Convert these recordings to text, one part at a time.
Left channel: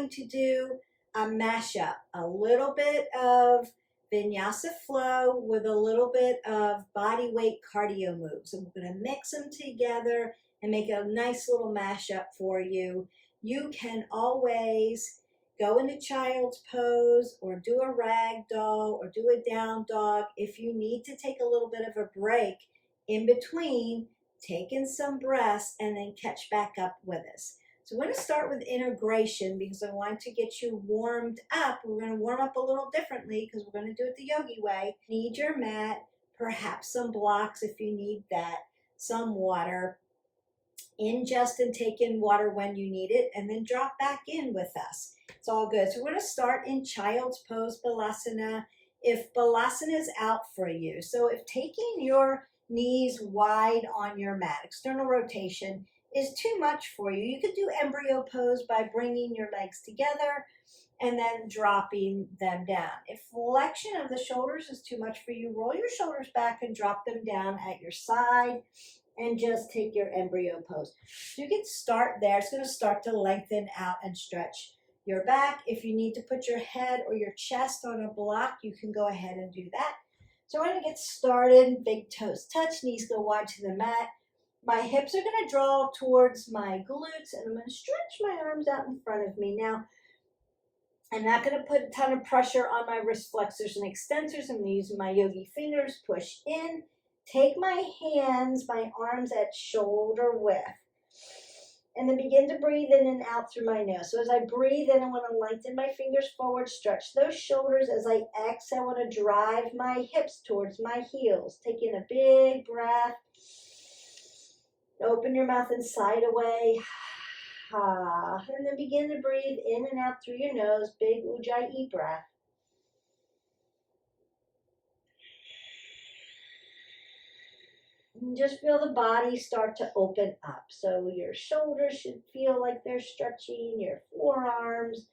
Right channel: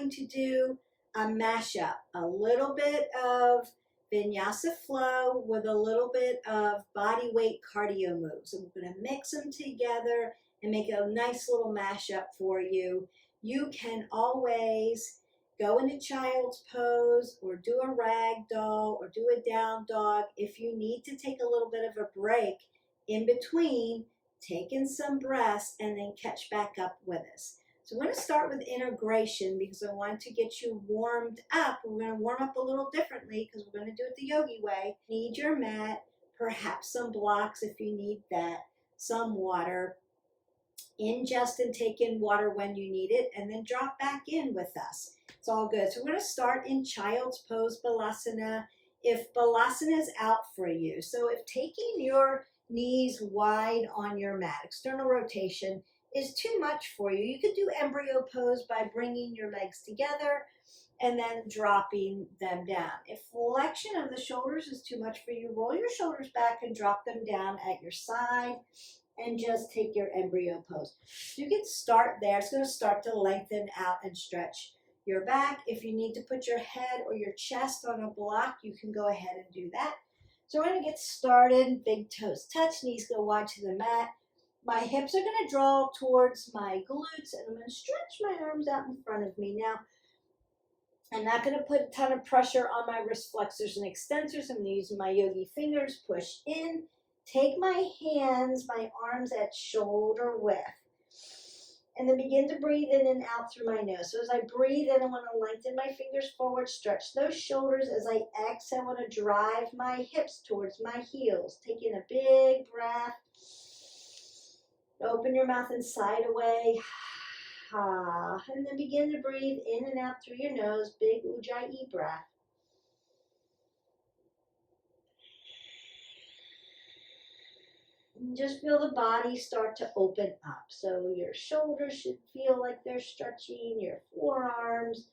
going to do a mashup, a little bit of vinyasa flow with a little bit of body weight cardio moves. And we're going to mix them together and make a nice little mashup for you. You can always go into child's pose or do a rag doll or do a down dog. If you need to take a little bit of a break in between, take in some breaths and then catch back up with us. So we're going to start with integration because I want to get you warmed up. We're going to warm up a little differently because we're going to do it the yogi way. Need your mat, perhaps some blocks if you need that, some water. Ingest and take in water when you need it, and then drop back in with us. It's all good. So we're going to start in child's pose, Balasana. If Balasana is out for you, so if taking your knees wide on your mat, external rotation, is too much for you, you could do embryo pose by bringing your legs together and then dropping them down. If flexion of the shoulders is too much for you, roll your shoulders back and drop them down at your side and just take your embryo pose. So you can start there. It's going to start to lengthen out and stretch your back. If you need to put your head or your chest on a block, you can go ahead and do that. So we're going to get started. Big toes touch, knees go wide to the mat. My hips are going to draw towards my glutes, and I'm going to stretch my arms out in front of me. Now, I'm not going to put a ton of pressure on my wrist flexors and extensors. I'm going to use my yogi fingers, push in, take my hands, my arms at shoulder width, and then begin to breathe in and out through my nose. So as I breathe in, I want to lengthen my fingers forward, stretch those shoulders. As I exhale, I want to drive my hips towards my heels. Taking a big breath. Open your mouth and sigh away. And then begin to breathe in and out through your nose. Big Ujjayi breath. And just feel the body start to open up. So your shoulders should feel like they're stretching, your forearms,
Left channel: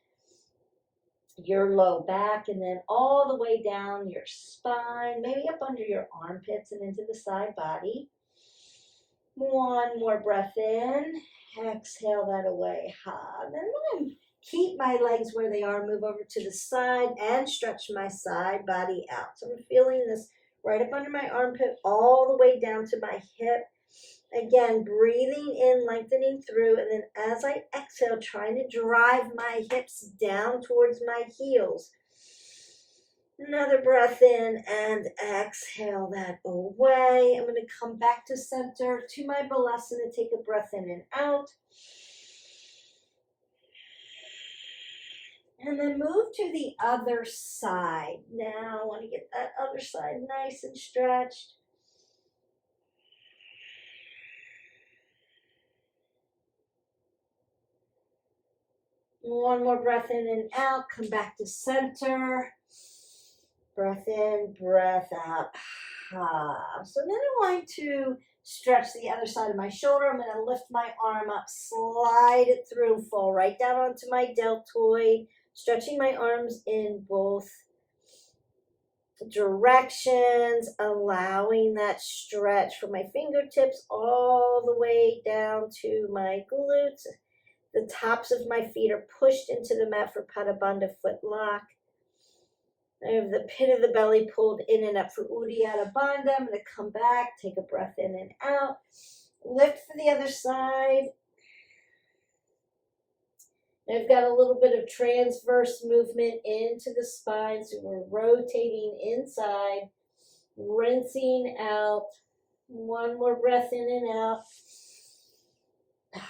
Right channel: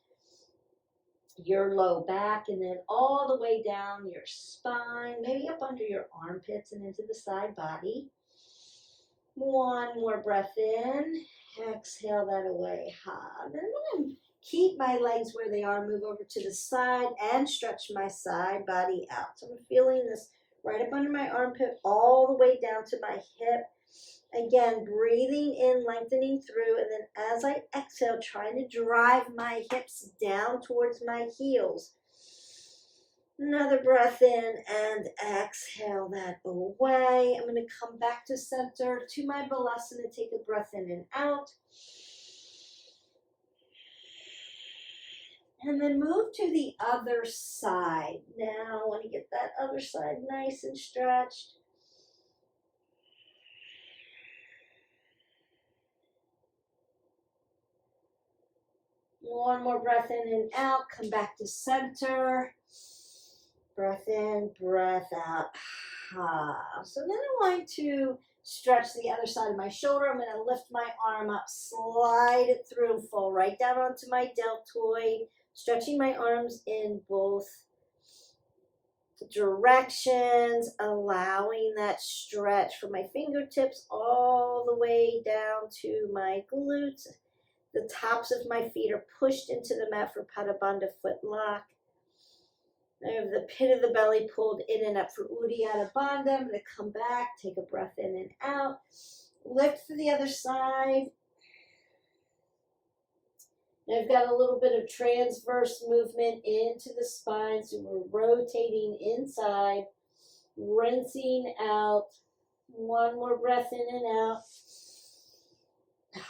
your low back, and then all the way down your spine, maybe up under your armpits and into the side body. One more breath in. Exhale that away. And then I'm going to keep my legs where they are, move over to the side and stretch my side body out. So I'm feeling this right up under my armpit, all the way down to my hip. Again, breathing in, lengthening through, and then as I exhale, trying to drive my hips down towards my heels. Another breath in and exhale that away. I'm going to come back to center to my Balasana. Take a breath in and out. And then move to the other side. Now I want to get that other side nice and stretched. One more breath in and out. Come back to center. Breath in, breath out. So then I want to stretch the other side of my shoulder. I'm going to lift my arm up, slide it through, fall right down onto my deltoid, stretching my arms in both directions, allowing that stretch from my fingertips all the way down to my glutes. The tops of my feet are pushed into the mat for Padabandha foot lock. I have the pit of the belly pulled in and up for Uddiyana Bandha. I'm going to come back, take a breath in and out. Lift for the other side. And I've got a little bit of transverse movement into the spine. So we're rotating inside, rinsing out. One more breath in and out.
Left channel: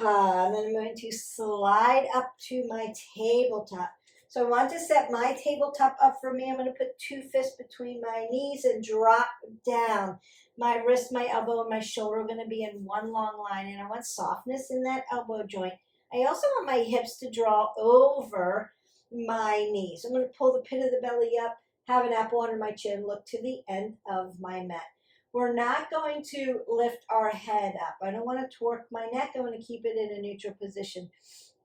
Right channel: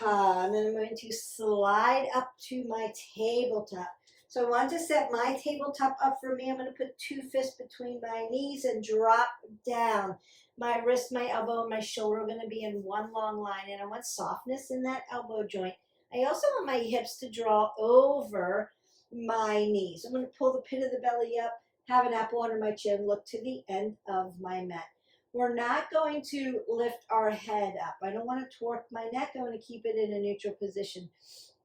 And then I'm going to slide up to my tabletop. So I want to set my tabletop up for me. I'm going to put two fists between my knees and drop down. My wrist, my elbow, and my shoulder are going to be in one long line. And I want softness in that elbow joint. I also want my hips to draw over my knees. I'm going to pull the pit of the belly up, have an apple under my chin, look to the end of my mat. We're not going to lift our head up. I don't want to torque my neck. I want to keep it in a neutral position.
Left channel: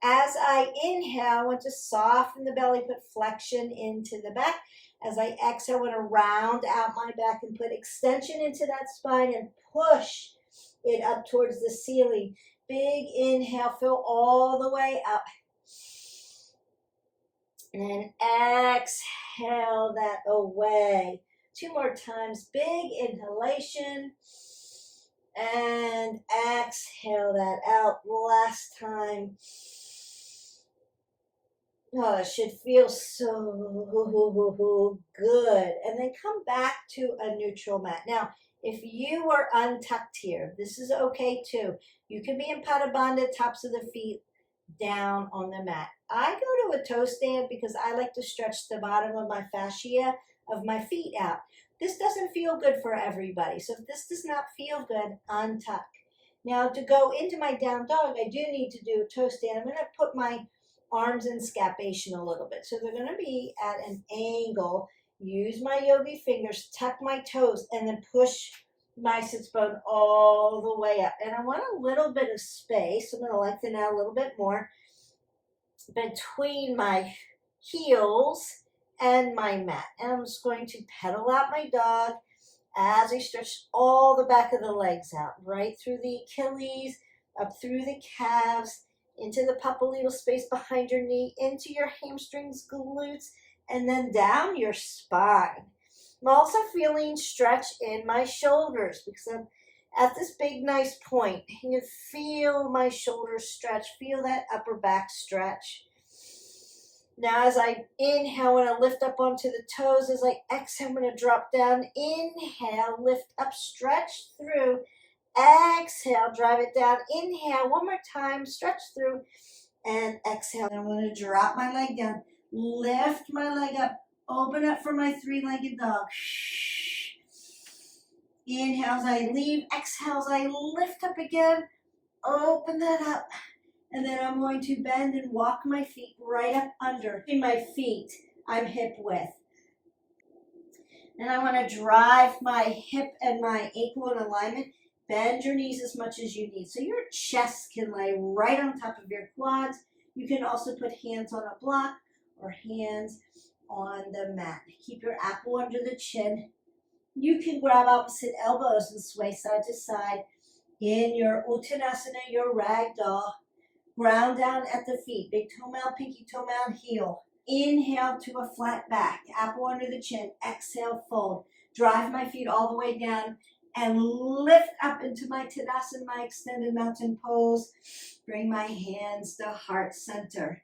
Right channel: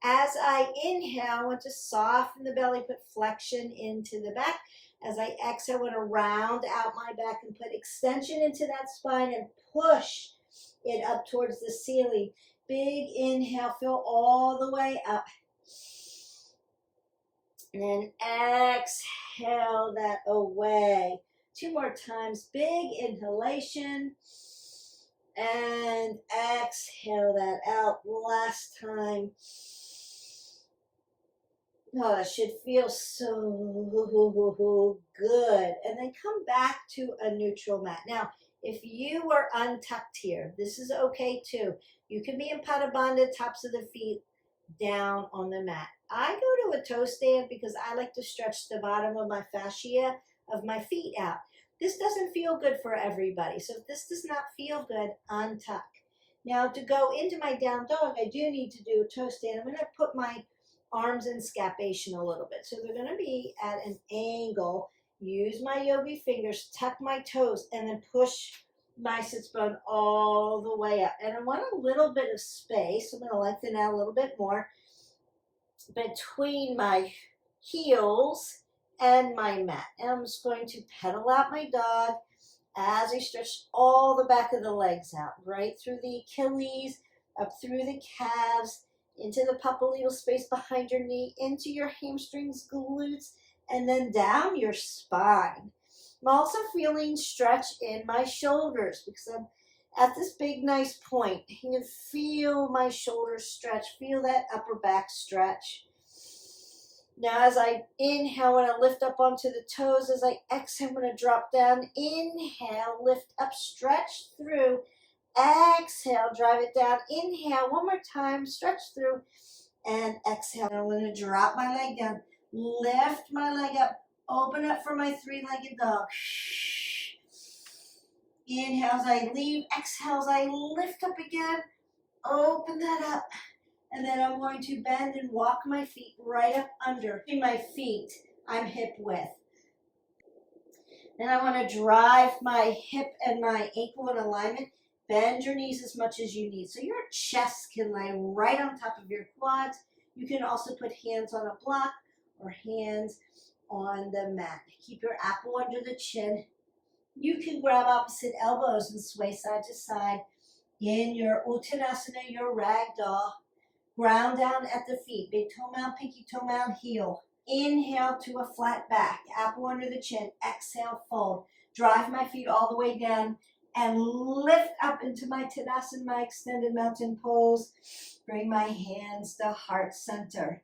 As I inhale, I want to soften the belly, put flexion into the back. As I exhale, I want to round out my back and put extension into that spine and push it up towards the ceiling. Big inhale, fill all the way up. And then exhale that away. 2 more times. Big inhalation. And exhale that out. Last time. Oh, it should feel so good. And then come back to a neutral mat. Now, if you are untucked here, this is okay too. You can be in Bhadda, tops of the feet down on the mat. I go to a toe stand because I like to stretch the bottom of my fascia of my feet out. This doesn't feel good for everybody. So if this does not feel good, untuck. Now to go into my down dog, I do need to do a toe stand. I'm going to put my arms in scapation a little bit. So they're going to be at an angle. Use my yogi fingers, tuck my toes, and then push my sits bone all the way up. And I want a little bit of space. I'm going to lengthen out a little bit more between my heels and my mat. And I'm just going to pedal out my dog as I stretch all the back of the legs out, right through the Achilles, up through the calves, into the popliteal space behind your knee, into your hamstrings, glutes, and then down your spine. I'm also feeling stretch in my shoulders because I'm at this big, nice point. You can feel my shoulders stretch. Feel that upper back stretch. Now, as I inhale, I want to lift up onto the toes. As I exhale, I'm going to drop down. Inhale, lift up, stretch through. Exhale, drive it down. Inhale, one more time, stretch through, and exhale. And I'm going to drop my leg down, lift my leg up, open up for my three-legged dog. Inhale as I leave, exhale as I lift up again, open that up. And then I'm going to bend and walk my feet right up under. My feet, I'm hip width. Then I want to drive my hip and my ankle in alignment. Bend your knees as much as you need. So your chest can lay right on top of your quads. You can also put hands on a block or hands on the mat. Keep your apple under the chin. You can grab opposite elbows and sway side to side. In your Uttanasana, your ragdoll. Ground down at the feet. Big toe mound, pinky toe mound, heel. Inhale to a flat back. Apple under the chin. Exhale, fold. Drive my feet all the way down and lift up into my Tadasana, my extended mountain pose. Bring my hands to heart center.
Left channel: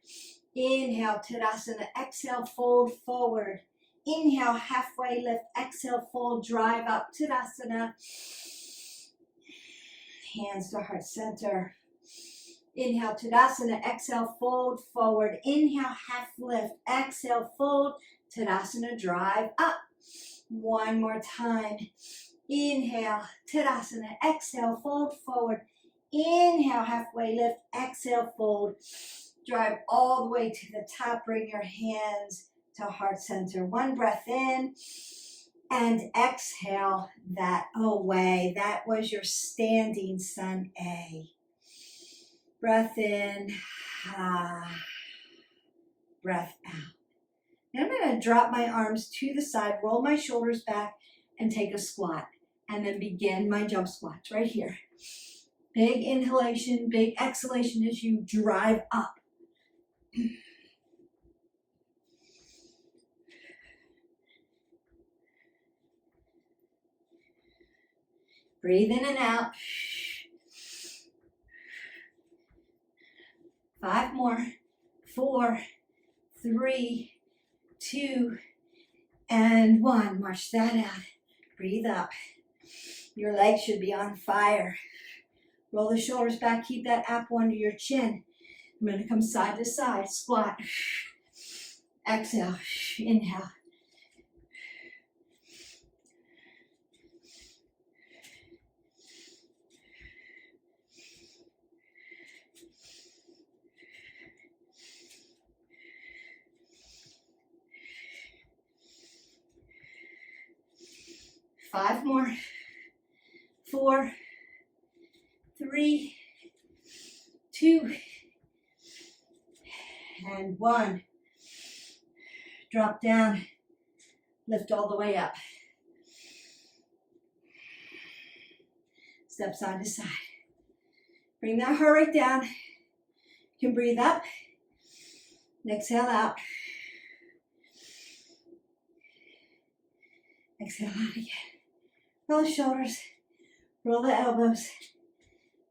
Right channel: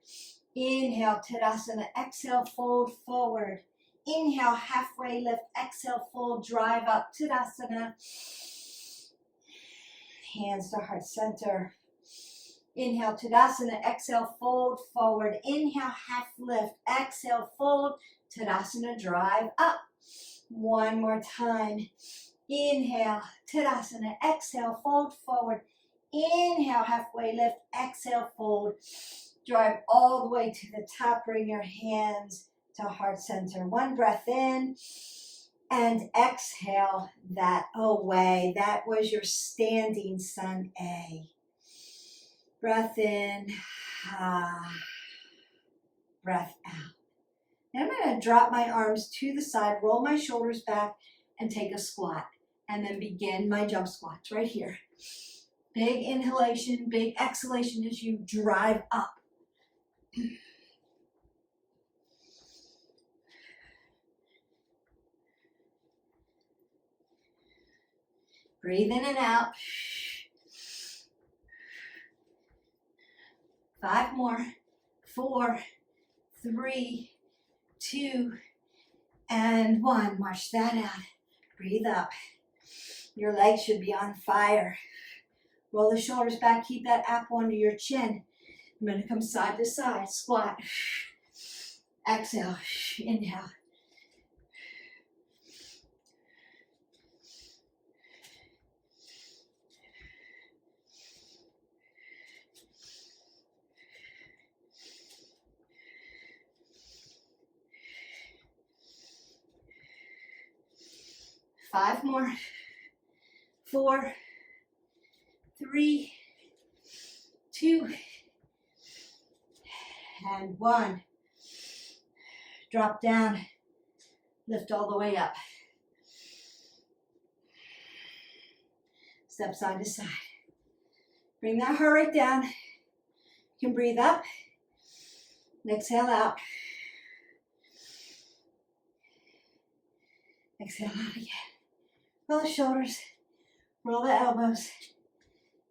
Inhale, Tadasana. Exhale, fold forward. Inhale, halfway lift. Exhale, fold, drive up. Tadasana. Hands to heart center. Inhale, Tadasana. Exhale, fold forward. Inhale, half lift. Exhale, fold. Tadasana, drive up. One more time. Inhale, Tadasana. Exhale, fold forward. Inhale, halfway lift. Exhale, fold. Drive all the way to the top. Bring your hands to heart center. One breath in and exhale that away. That was your standing sun A. Breath in, breath out. Now I'm going to drop my arms to the side, roll my shoulders back, and take a squat. And then begin my jump squats right here. Big inhalation, big exhalation as you drive up. Breathe in and out. 5 more. 4, 3, 2, and 1. March that out. Breathe up. Your legs should be on fire. Roll the shoulders back. Keep that apple under your chin. I'm going to come side to side. Squat. Exhale. Inhale. Five more. 4, 3, 2, and 1. Drop down. Lift all the way up. Step side to side. Bring that heart rate down. You can breathe up and exhale out. Exhale out again. Roll the shoulders, roll the elbows.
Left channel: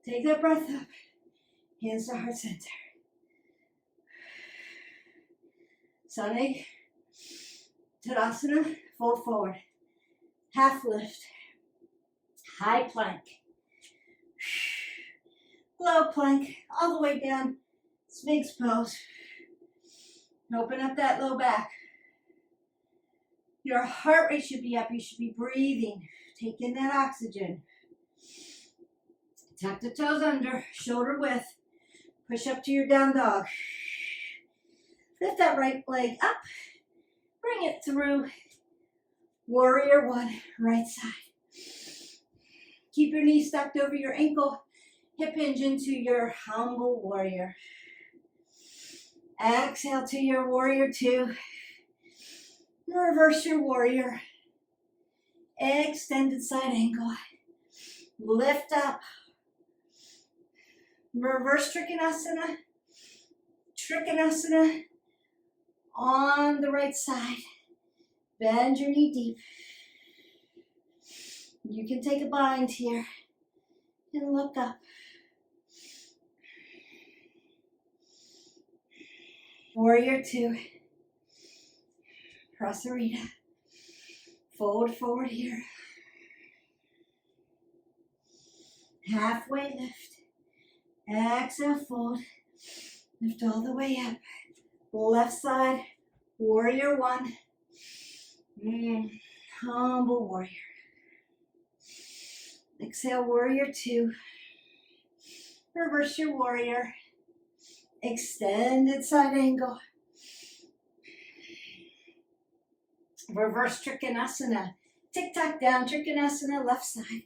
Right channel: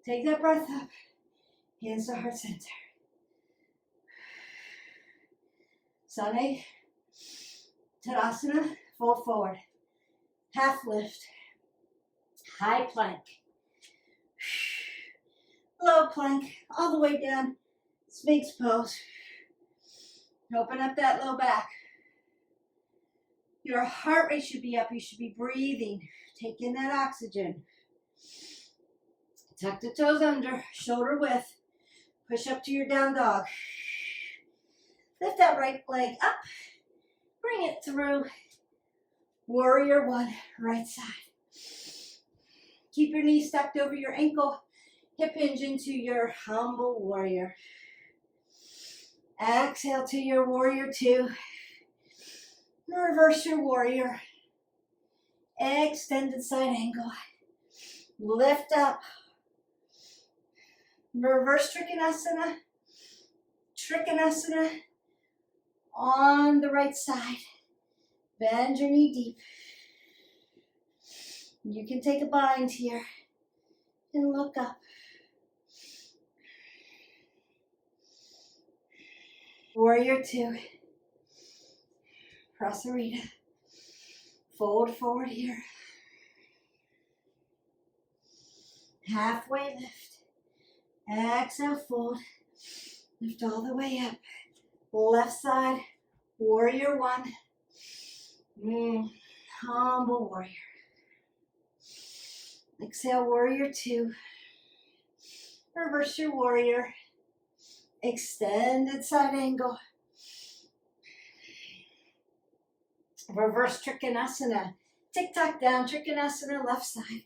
Take that breath up. Hands to heart center. Sunny. Tadasana, fold forward. Half lift. High plank. Low plank, all the way down. Sphinx pose. Open up that low back. Your heart rate should be up. You should be breathing. Take in that oxygen. Tuck the toes under, shoulder width. Push up to your down dog. Lift that right leg up. Bring it through. Warrior one, right side. Keep your knees stacked over your ankle. Hip hinge into your humble warrior. Exhale to your warrior two. Reverse your warrior. Extended side angle. Lift up. Reverse Trikonasana. Trikonasana on the right side. Bend your knee deep. You can take a bind here and look up. Warrior two. Prasarita. Fold forward here. Halfway lift. Exhale, fold. Lift all the way up. Left side, warrior one. Humble warrior. Exhale, warrior two. Reverse your warrior. Extended side angle. Reverse Trikonasana. Tick-tock down, Trikonasana, left side.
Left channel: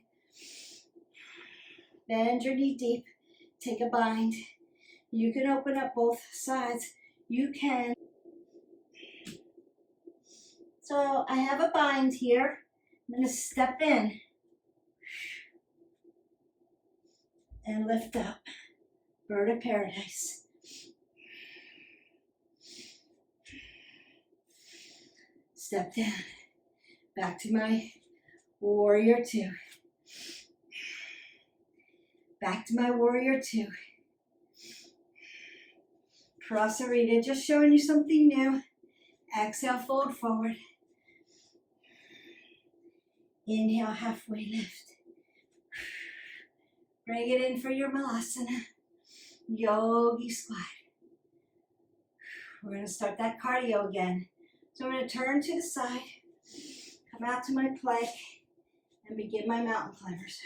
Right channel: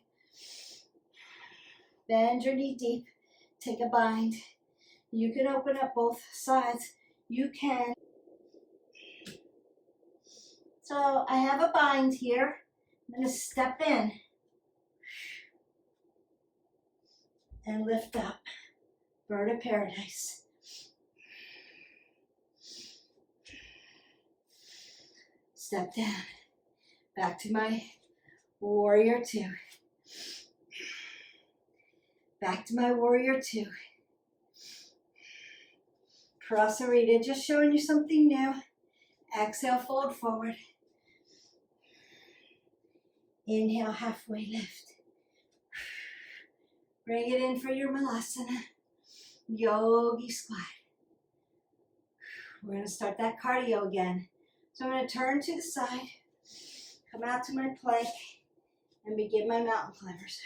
Bend your knee deep. Take a bind. You can open up both sides. You can. So I have a bind here. I'm going to step in and lift up. Bird of paradise. Step down. Back to my warrior two. Back to my warrior two. Prasarita, just showing you something new. Exhale, fold forward. Inhale, halfway lift. Bring it in for your Malasana. Yogi squat. We're going to start that cardio again. So I'm going to turn to the side, come out to my plank, and begin my mountain climbers.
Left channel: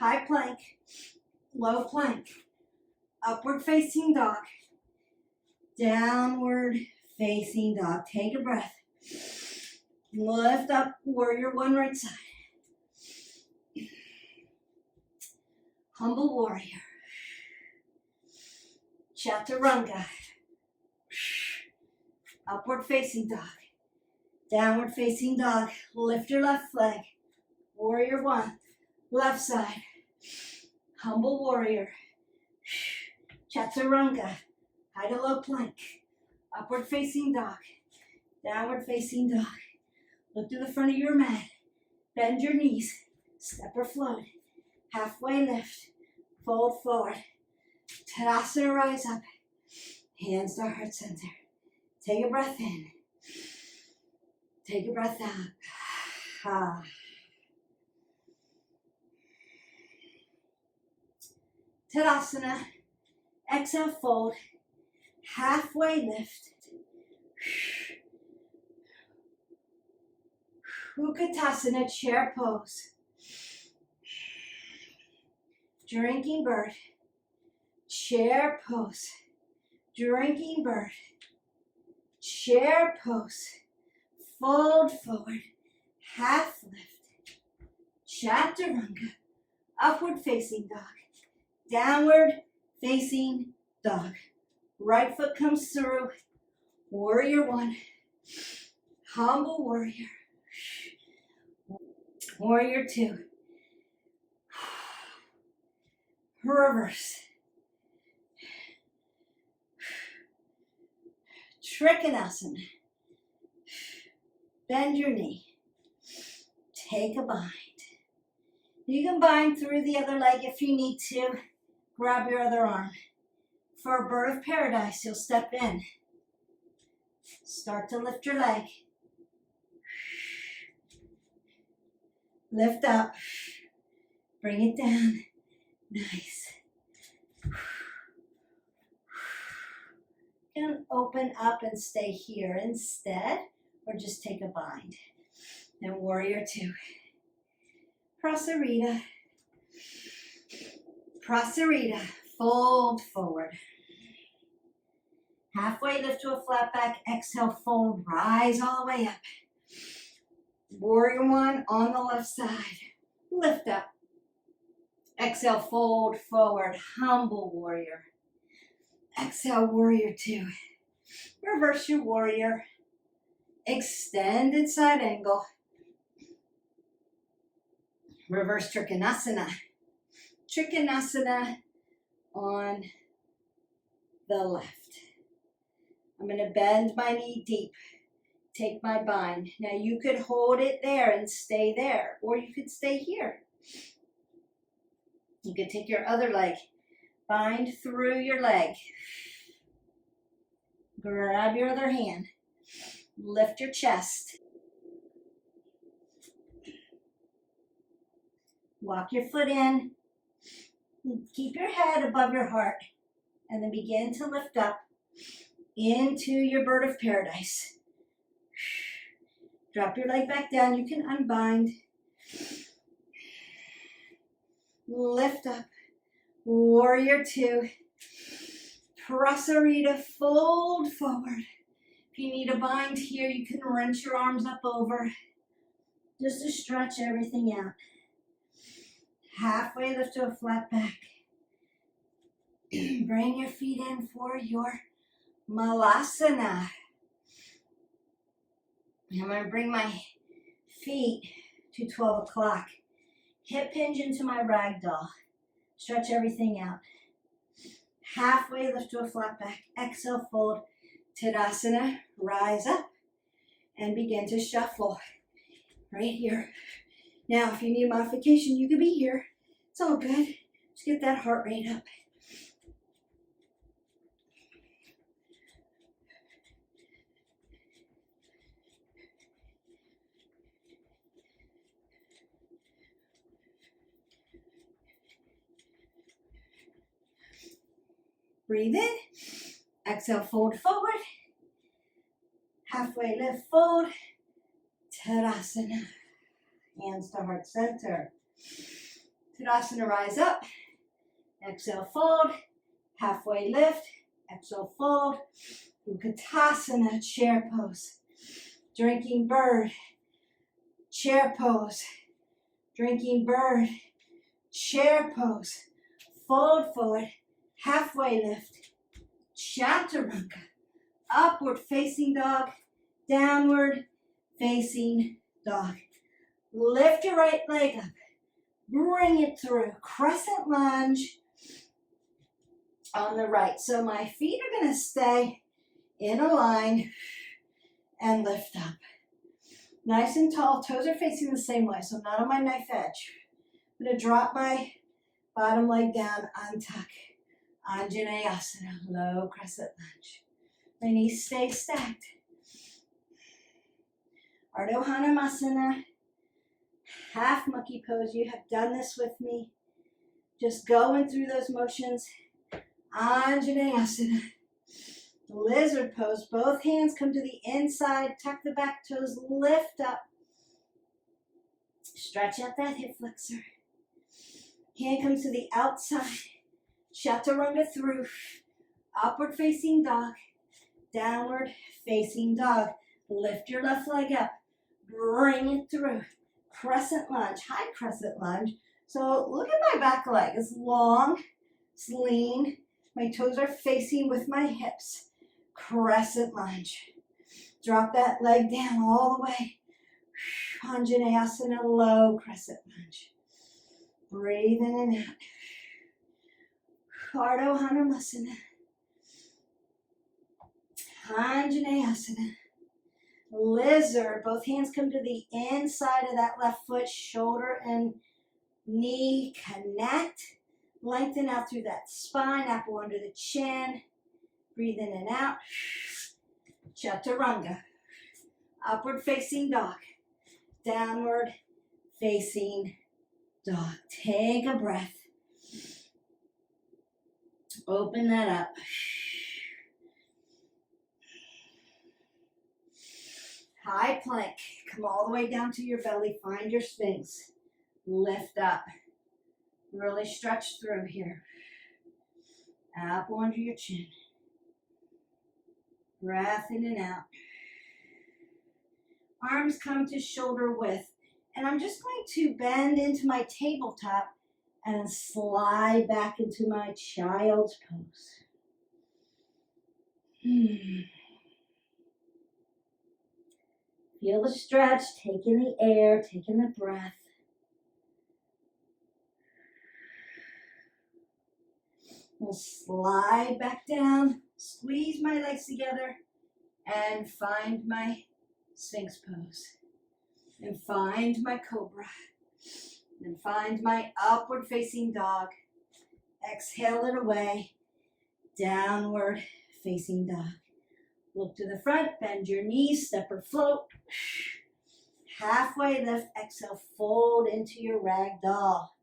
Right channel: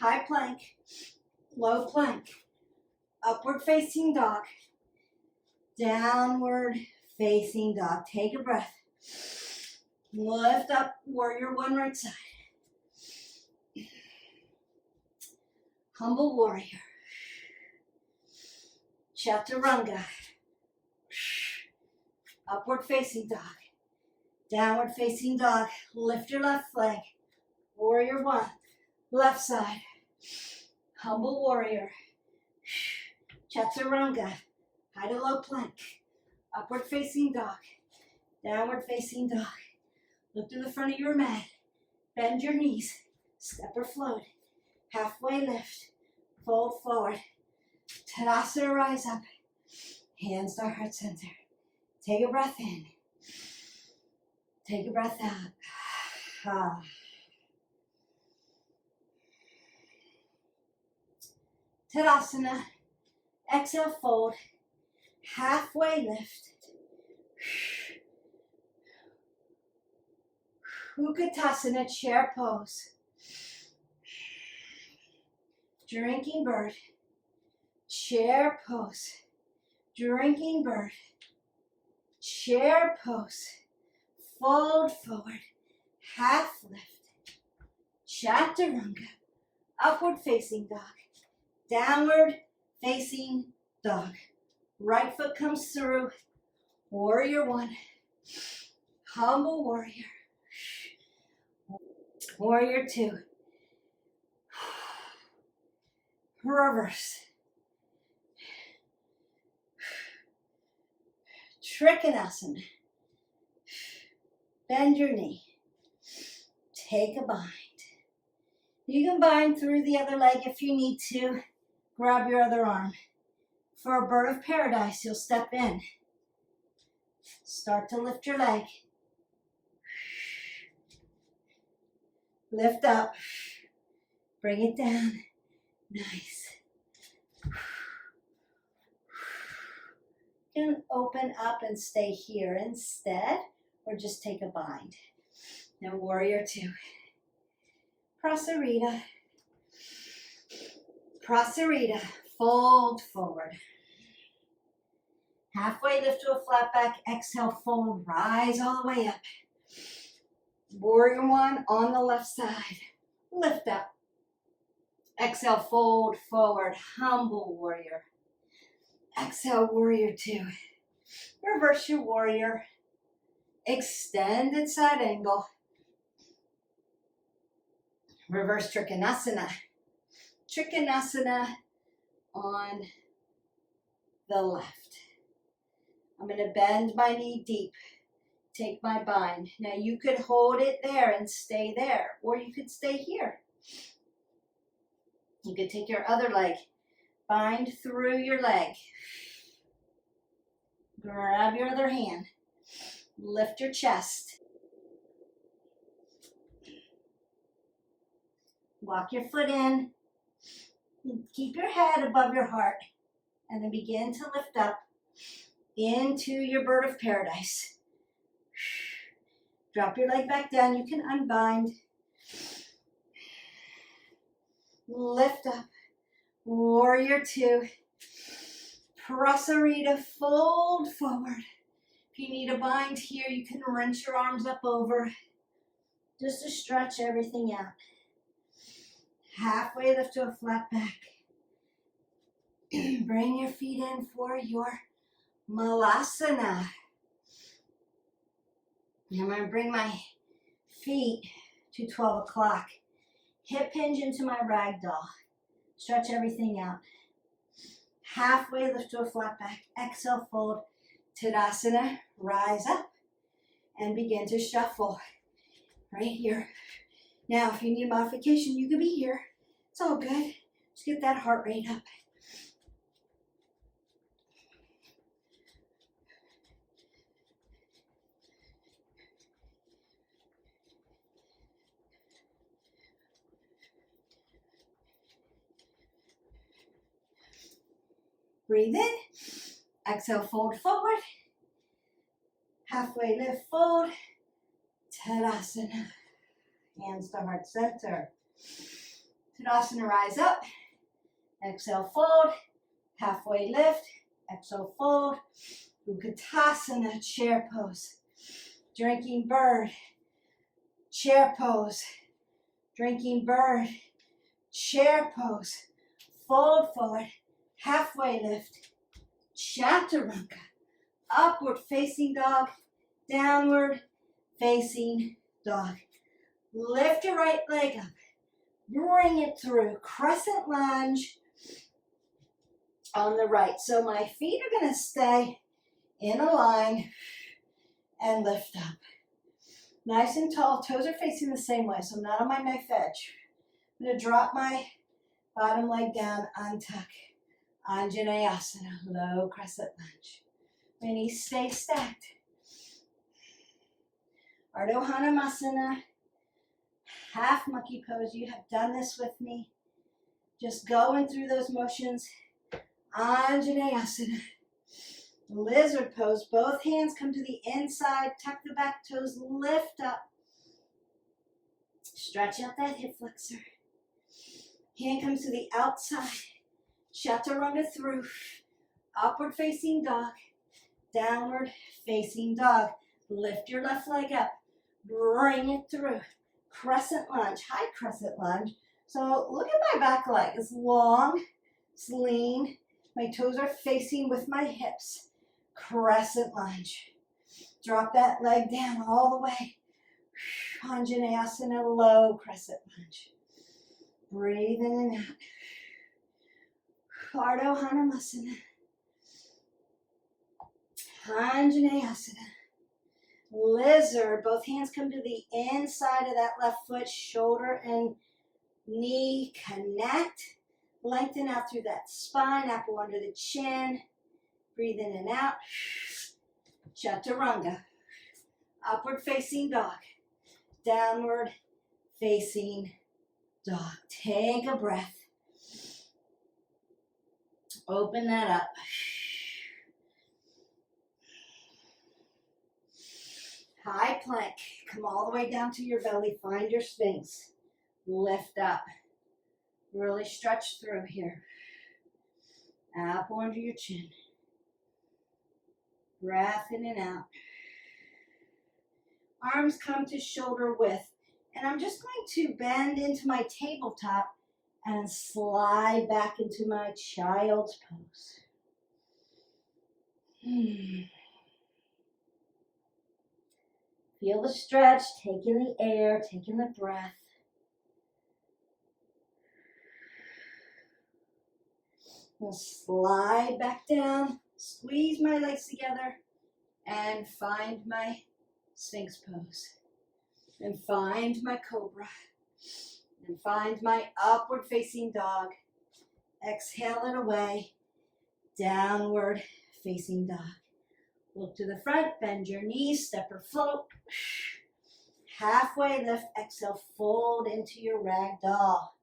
High plank, low plank, upward facing dog, downward facing dog. Take a breath. Lift up, warrior one, right side. Humble warrior. Chaturanga. Upward facing dog. Downward facing dog. Lift your left leg. Warrior one. Left side. Humble warrior. Chaturanga. High to low plank. Upward facing dog. Downward facing dog. Look to the front of your mat. Bend your knees. Step or float. Halfway lift. Fold forward. Tadasana, rise up. Hands to heart center. Take a breath in. Take a breath out. Tadasana. Exhale, fold. Halfway lift. Utkatasana, chair pose. Drinking bird. Chair pose. Drinking bird. Chair pose. Fold forward. Half lift. Chaturanga. Upward facing dog. Downward facing dog. Right foot comes through. Warrior one. Humble warrior. Warrior two. Reverse. Trikonasana. Bend your knee. Take a bind. You can bind through the other leg if you need to. Grab your other arm. For a bird of paradise, you'll step in. Start to lift your leg. Lift up. Bring it down. Nice. You can open up and stay here instead, or just take a bind. Then warrior two. Prasarita. Prasarita. Fold forward. Halfway lift to a flat back. Exhale, fold. Rise all the way up. Warrior one on the left side. Lift up. Exhale, fold forward. Humble warrior. Exhale, warrior two. Reverse your warrior. Extended side angle. Reverse Trikonasana. Trikonasana on the left. I'm going to bend my knee deep. Take my bind. Now you could hold it there and stay there, or you could stay here. You could take your other leg. Bind through your leg. Grab your other hand. Lift your chest. Walk your foot in. Keep your head above your heart. And then begin to lift up into your bird of paradise. Drop your leg back down. You can unbind. Lift up. Warrior two. Prasarita, fold forward. If you need a bind here, you can wrench your arms up over just to stretch everything out. Halfway lift to a flat back. Bring your feet in for your Malasana. I'm going to bring my feet to 12 o'clock. Hip hinge into my ragdoll. Stretch everything out. Halfway lift to a flat back. Exhale, fold. Tadasana. Rise up and begin to shuffle. Right here. Now, if you need a modification, you can be here. It's all good. Just get that heart rate up. Breathe in. Exhale, fold forward. Halfway lift, fold. Tadasana. Hands to heart center. Tadasana, rise up. Exhale, fold. Halfway lift. Exhale, fold. Bakasana, chair pose. Drinking bird. Chair pose. Drinking bird. Chair pose. Fold forward. Halfway lift. Chaturanga. Upward facing dog. Downward facing dog. Lift your right leg up. Bring it through. Crescent lunge on the right. So my feet are going to stay in a line and lift up. Nice and tall. Toes are facing the same way, so I'm not on my knife edge. I'm going to drop my bottom leg down, untuck. Anjaneyasana, low crescent lunge. My knees stay stacked. Arhdo Hanamasana, half monkey pose. You have done this with me. Just going through those motions. Anjaneyasana, lizard pose. Both hands come to the inside. Tuck the back toes. Lift up. Stretch out that hip flexor. Hand comes to the outside. Chaturanga through. Upward facing dog. Downward facing dog. Lift your left leg up. Bring it through. Crescent lunge. High crescent lunge. So look at my back leg. It's long. It's lean. My toes are facing with my hips. crescent lunge. Drop that leg down all the way. Anjaneyasana, low crescent lunge. Breathe in and out. Arhdo Hanamasana. Anjaneyasana. Lizard. Both hands come to the inside of that left foot. Shoulder and knee connect. Lengthen out through that spine. Apple under the chin. Breathe in and out. Chaturanga. Upward facing dog. Downward facing dog. Take a breath. Open that up. High plank. Come all the way down to your belly. Find your Sphinx. Lift up. Really stretch through here. Apple under your chin. Breath in and out. Arms come to shoulder width. And I'm just going to bend into my tabletop and slide back into my child's pose. Feel the stretch, taking the air, taking the breath. We'll slide back down, squeeze my legs together, and find my Sphinx pose. And find my cobra. And find my upward facing dog. Exhale it away. Downward facing dog. Look to the front, bend your knees, step or float. Halfway lift, exhale, fold into your rag doll.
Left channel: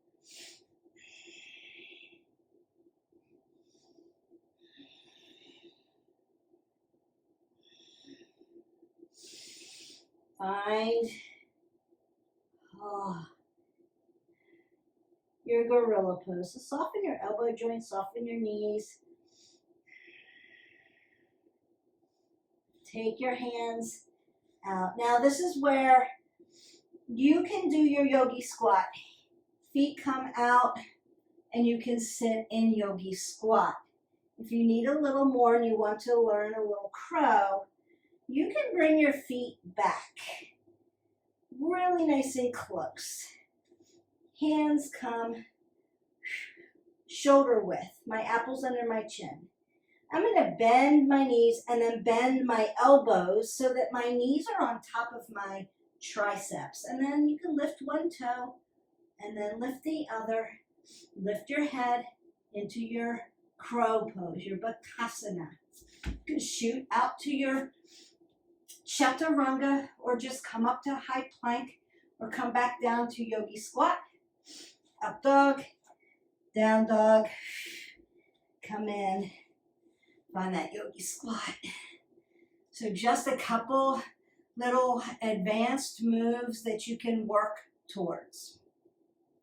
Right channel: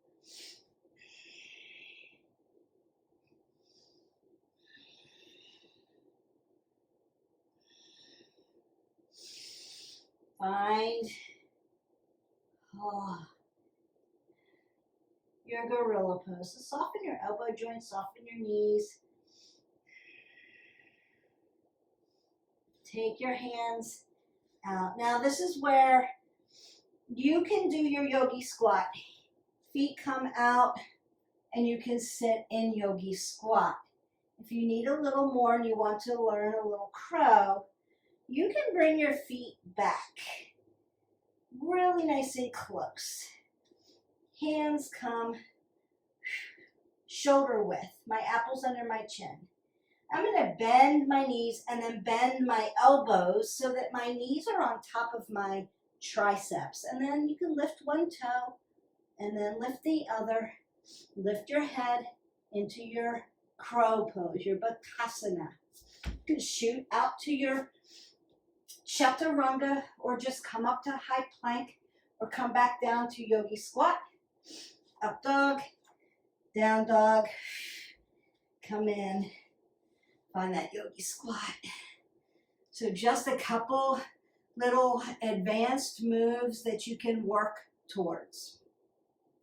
Find your gorilla pose. So soften your elbow joints, soften your knees. Take your hands out. Now this is where you can do your yogi squat. Feet come out and you can sit in yogi squat. If you need a little more and you want to learn a little crow, you can bring your feet back. Really nice and close. Hands come shoulder width. My apple's under my chin. I'm going to bend my knees and then bend my elbows so that my knees are on top of my triceps. And then you can lift one toe and then lift the other. Lift your head into your crow pose, your Bakasana. You can shoot out to your Chaturanga or just come up to high plank or come back down to yogi squat. Up dog, down dog, come in, find that yogi squat. So just a couple little advanced moves that you can work towards.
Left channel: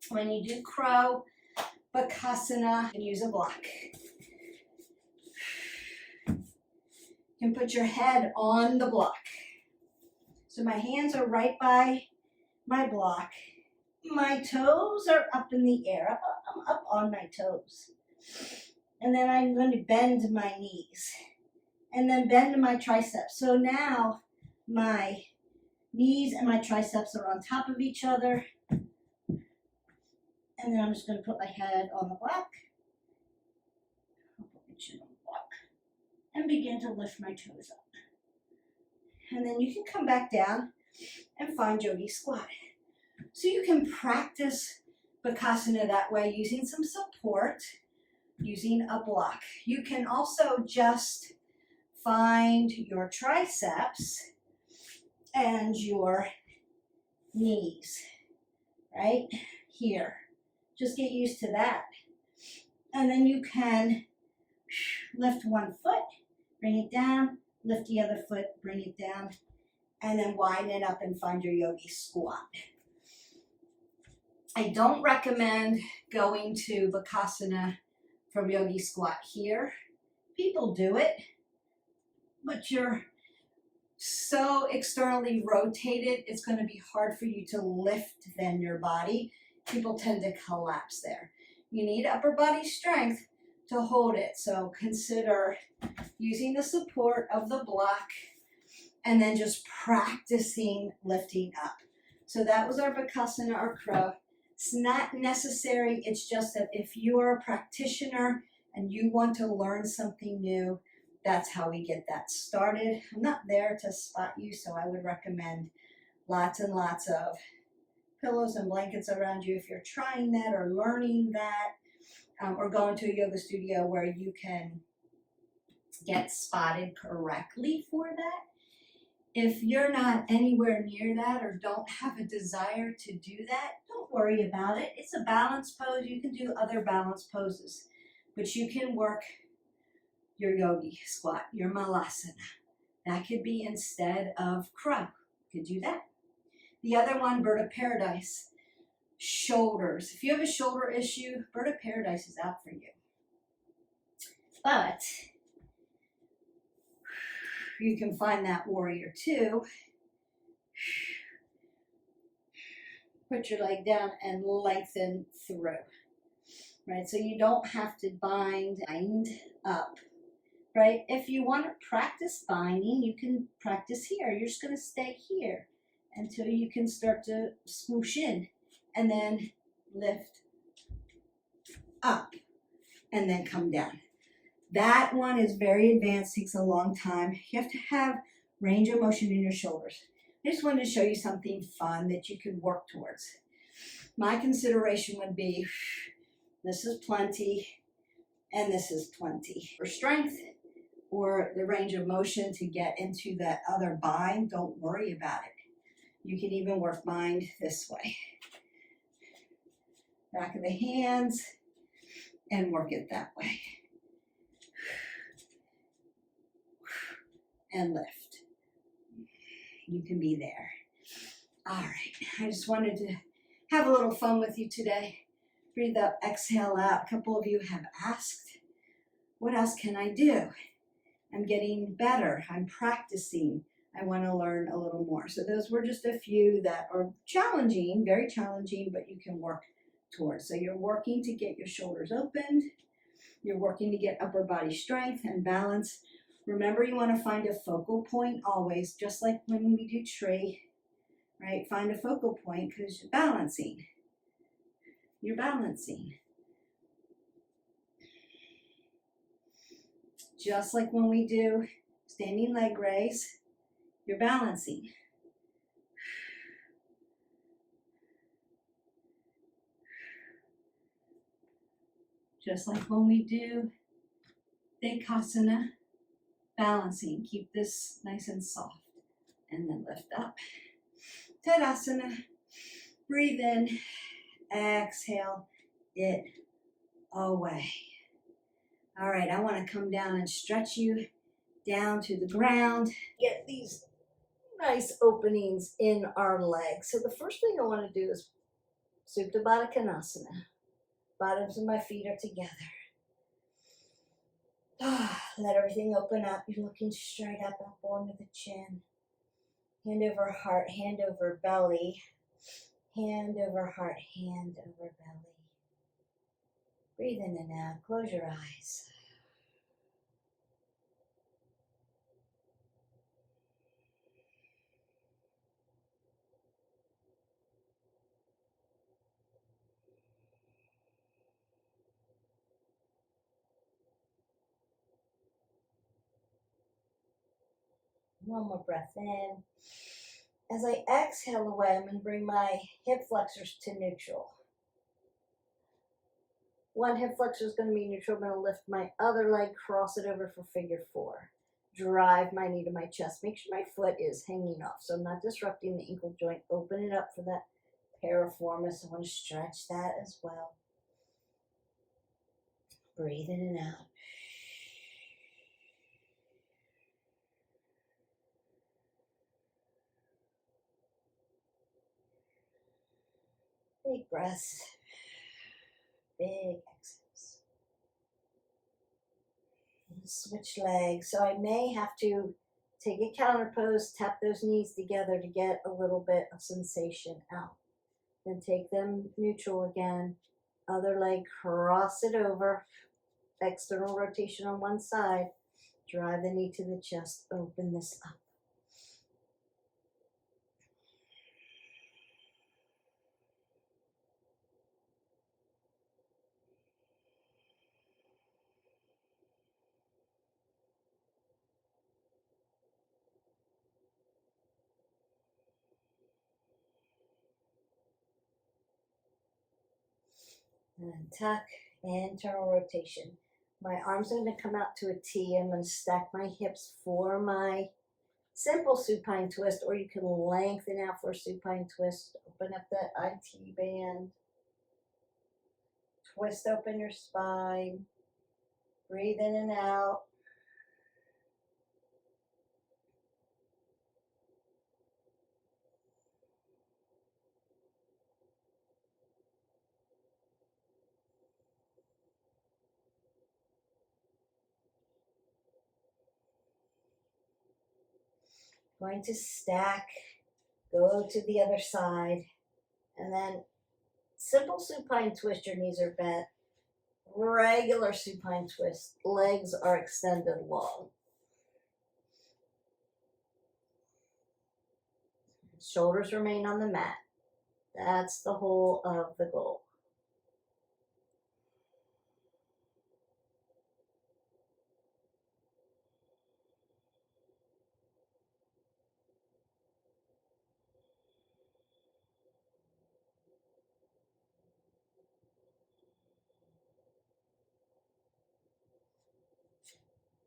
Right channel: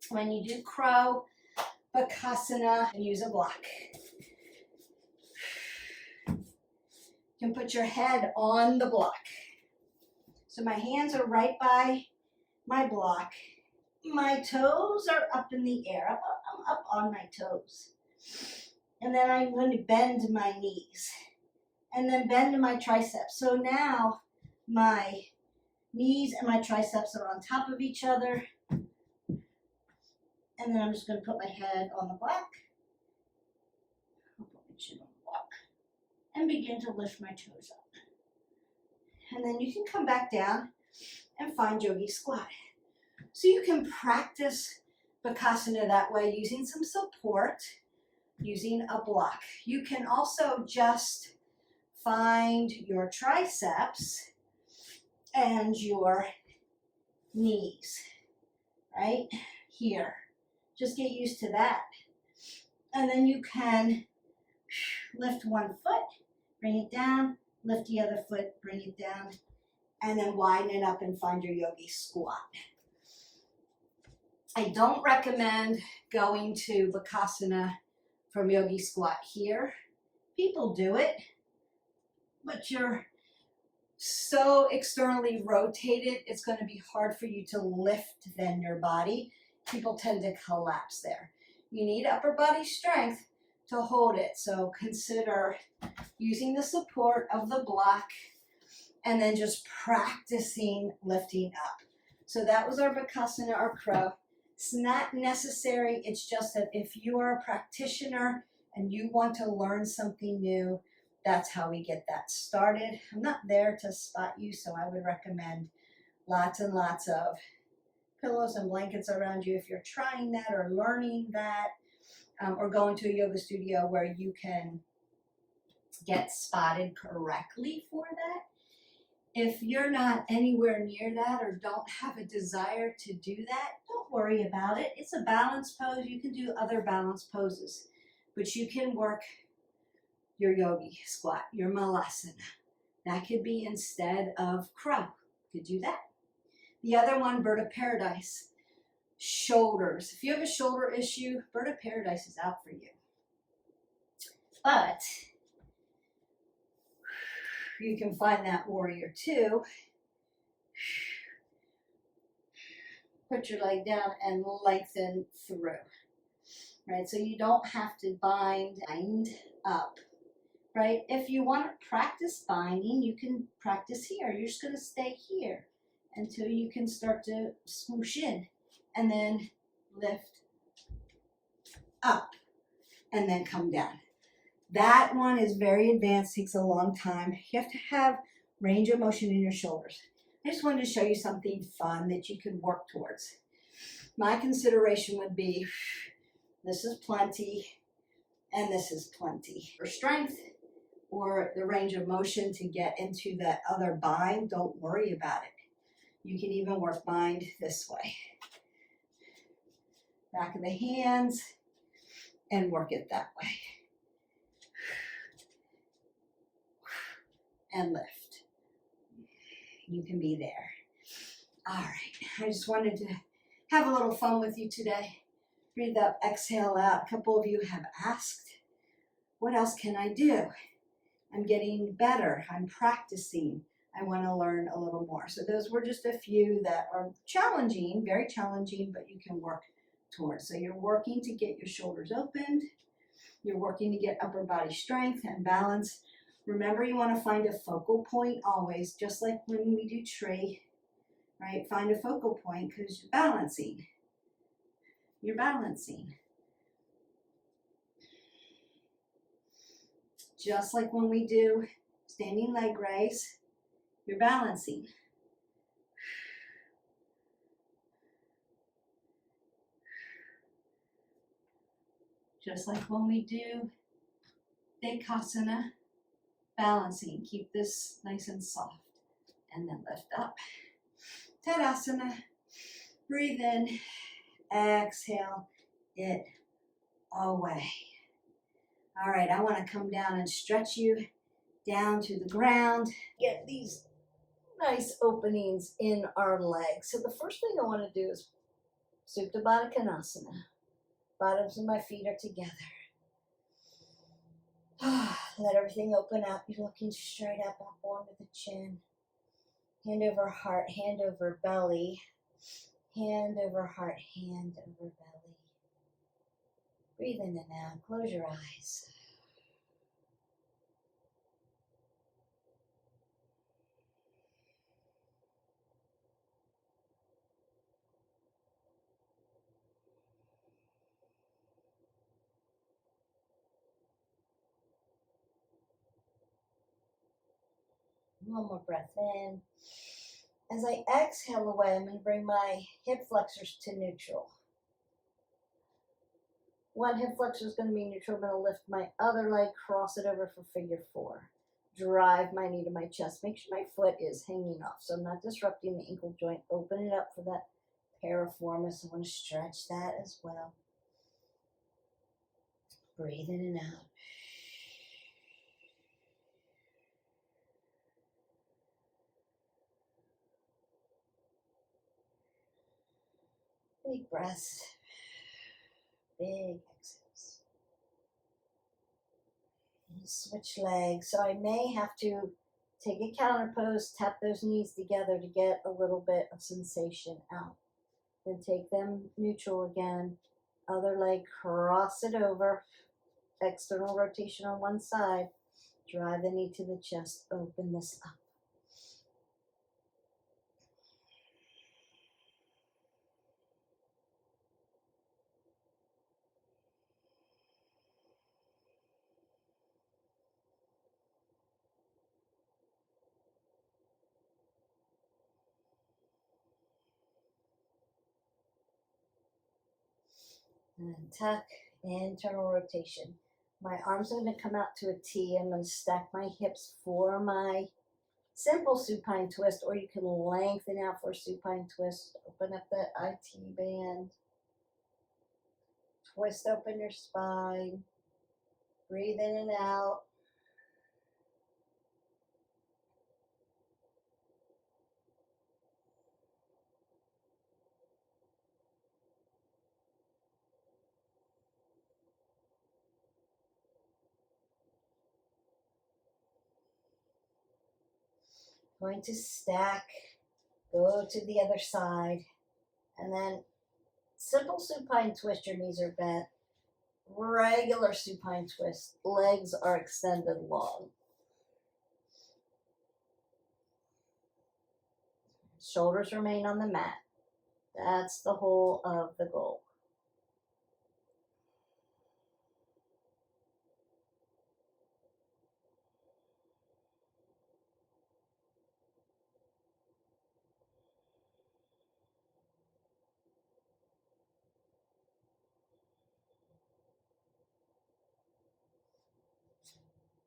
When you do crow, Bakasana, and use a block. You can put your head on the block. So my hands are right by my block. My toes are up in the air. I'm up on my toes. And then I'm going to bend my knees. And then bend my triceps. So now my knees and my triceps are on top of each other. And then I'm just going to put my head on the block. I'll put my chin on the block. And begin to lift my toes up. And then you can come back down and find yogi squat. So you can practice Bakasana that way using some support, using a block. You can also just find your triceps and your knees, right here. Just get used to that. And then you can lift one foot, bring it down, lift the other foot, bring it down, and then widen it up and find your yogi squat. I don't recommend going to Bakasana from yogi squat here. People do it, but you're so externally rotated, it's going to be hard for you to lift then your body. People tend to collapse there. You need upper body strength, to hold it. So consider using the support of the block and then just practicing lifting up. So that was our Bakasana or crow. It's not necessary. It's just that if you are a practitioner and you want to learn something new, that's how we get that started. I'm not there to spot you, so I would recommend lots and lots of pillows and blankets around you if you're trying that or learning that, or going to a yoga studio where you can get spotted correctly for that. If you're not anywhere near that or don't have a desire to do that, don't worry about it. It's a balance pose. You can do other balance poses, but you can work your yogi squat, your malasana. That could be instead of crow. You could do that. The other one, bird of paradise. Shoulders. If you have a shoulder issue, bird of paradise is out for you. But you can find that warrior two. Put your leg down and lengthen through. Right? So you don't have to bind up. Right? If you want to practice binding, you can practice here. You're just going to stay here until you can start to swoosh in and then lift up and then come down. That one is very advanced, takes a long time. You have to have range of motion in your shoulders. I just wanted to show you something fun that you can work towards. My consideration would be, this is plenty and this is plenty. For strength or the range of motion to get into that other bind, don't worry about it. You can even work bind this way. Back of the hands and work it that way. And lift. You can be there. All right, I just wanted to have a little fun with you today. Breathe up, exhale out. A couple of you have asked, what else can I do? I'm getting better. I'm practicing. I want to learn a little more. So those were just a few that are challenging, very challenging, but you can work towards. So you're working to get your shoulders opened. You're working to get upper body strength and balance. Remember, you want to find a focal point always, just like when we do tree, right? Find a focal point because you're balancing. You're balancing. Just like when we do standing leg raise, you're balancing. Just like when we do Bakasana, balancing. Keep this nice and soft. And then lift up. Tadasana. Breathe in. Exhale it away. All right, I want to come down and stretch you down to the ground. Get these nice openings in our legs. So the first thing I want to do is Supta Konasana. Bottoms of my feet are together. Let everything open up. You're looking straight up onto the chin. Hand over heart, hand over belly. Hand over heart, hand over belly. Breathe in and out. Close your eyes. One more breath in. As I exhale away, I'm going to bring my hip flexors to neutral. One hip flexor is going to be neutral. I'm going to lift my other leg, cross it over for figure four. Drive my knee to my chest. Make sure my foot is hanging off, so I'm not disrupting the ankle joint. Open it up for that piriformis. I want to stretch that as well. Breathe in and out. Big breaths. Big exhales. Switch legs. So I may have to take a counter pose, tap those knees together to get a little bit of sensation out. Then take them neutral again. Other leg, cross it over. external rotation on one side. Drive the knee to the chest. Open this up. And then tuck, internal rotation. My arms are going to come out to a T. I'm going to stack my hips for my simple supine twist, or you can lengthen out for a supine twist. Open up that IT band. Twist open your spine. Breathe in and out. Going to stack, go to the other side, and then simple supine twist, your knees are bent. Regular supine twist, legs are extended long. Shoulders remain on the mat. That's the whole of the goal.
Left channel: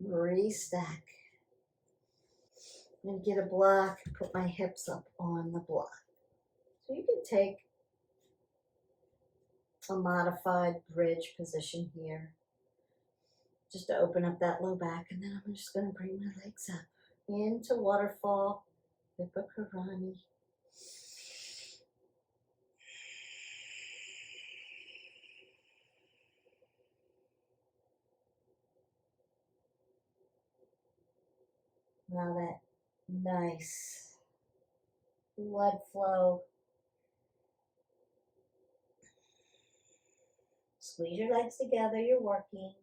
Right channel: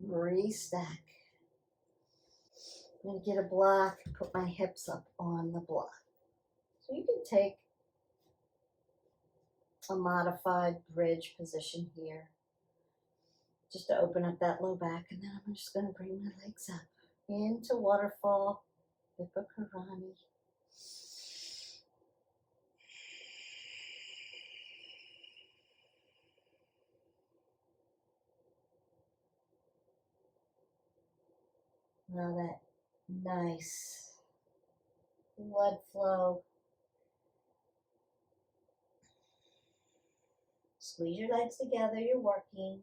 Restack. I'm going to get a block, put my hips up on the block. So you can take a modified bridge position here, just to open up that low back, and then I'm just going to bring my legs up into waterfall, Vipakarani. Now that nice blood flow. Squeeze your legs together, you're working.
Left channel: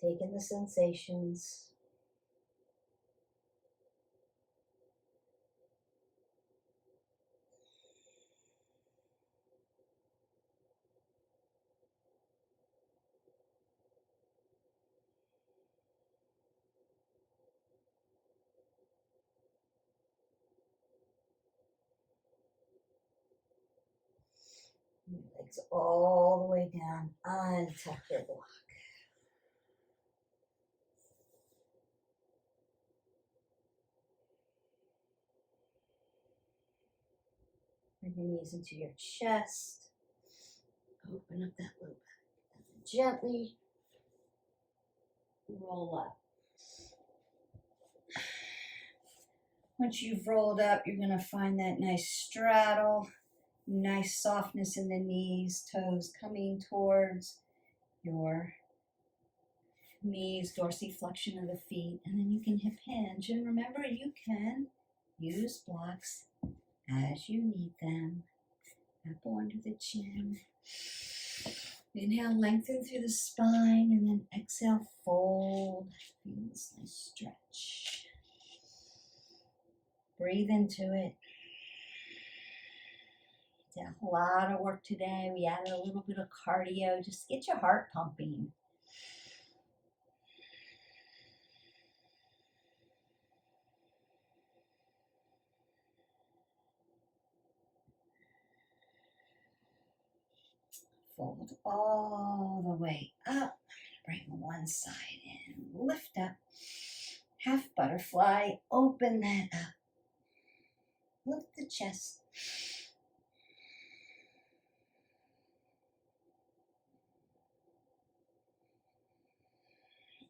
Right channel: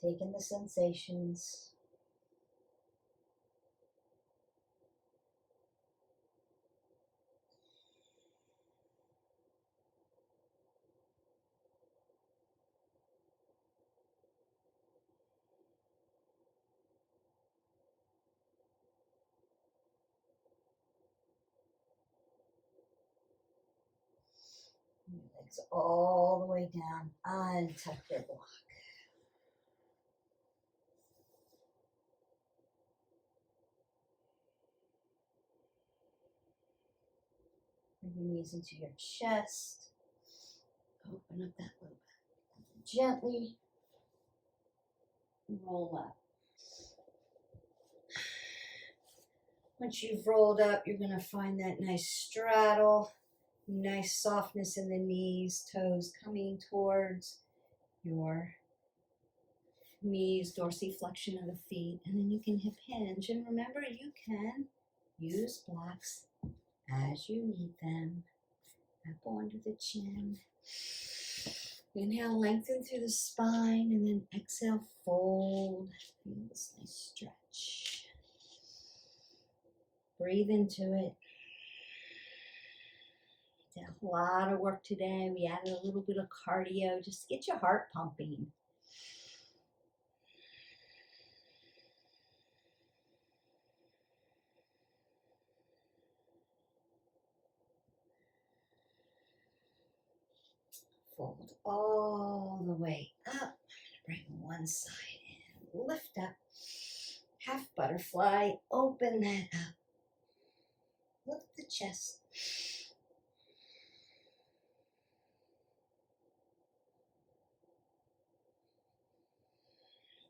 Taking the sensations. Legs all the way down. Untuck your block. Bring your knees into your chest. Open up that low back. And then gently roll up. Once you've rolled up, you're going to find that nice straddle, nice softness in the knees, toes coming towards your knees, dorsiflexion of the feet, and then you can hip hinge. And remember, you can use blocks as you need them. Apple under the chin. Inhale, lengthen through the spine, and then exhale, fold. Feel this nice stretch. Breathe into it. Did a lot of work today. We added a little bit of cardio just to get your heart pumping. Fold all the way up. Bring one side in. Lift up. Half butterfly. Open that up. Lift the chest.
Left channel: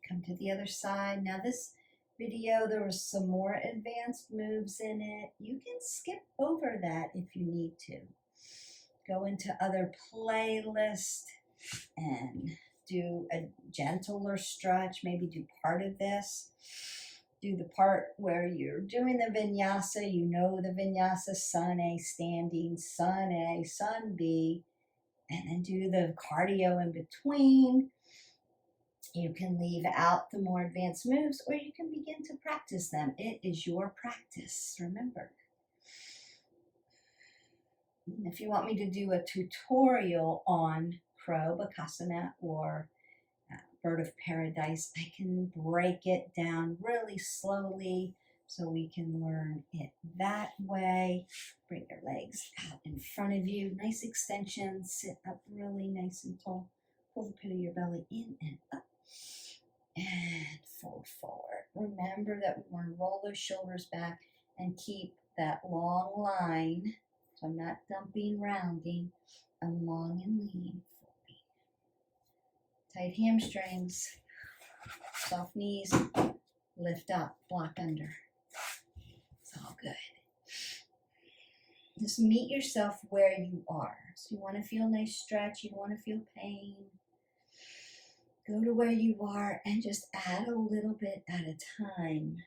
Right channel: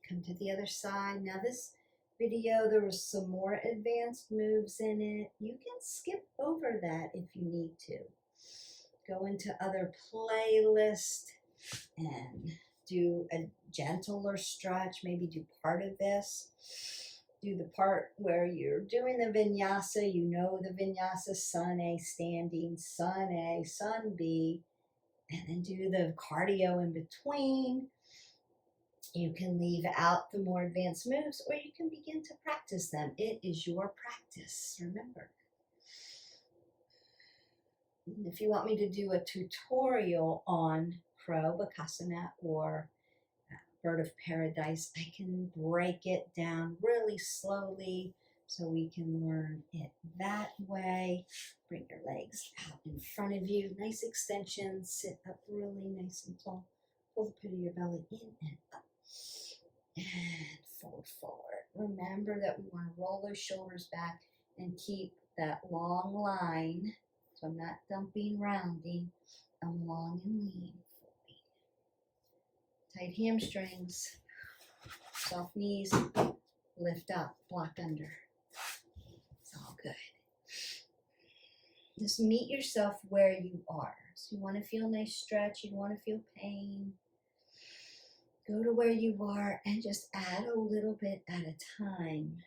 Come to the other side. Now this video, there was some more advanced moves in it. You can skip over that if you need to. Go into other playlists and do a gentler stretch. Maybe do part of this. do the part where you're doing the vinyasa. You know the vinyasa, sun A, standing, sun A, sun B, and then do the cardio in between. You can leave out the more advanced moves, or you can begin to practice them. It is your practice, remember. If you want me to do a tutorial on crow, Bakasana, or bird of paradise, I can break it down really slowly so we can learn it that way. Bring your legs out in front of you. Nice extension. Sit up really nice and tall. Pull the pit of your belly in and up. And fold forward. Remember that we want to roll those shoulders back and keep that long line. So I'm not dumping, rounding. I'm long and lean. Tight hamstrings. Soft knees. Lift up. Block under. It's all good. Just meet yourself where you are. So you want to feel nice stretch. You don't want to feel pain. Go to where you are and just add a little bit at a time.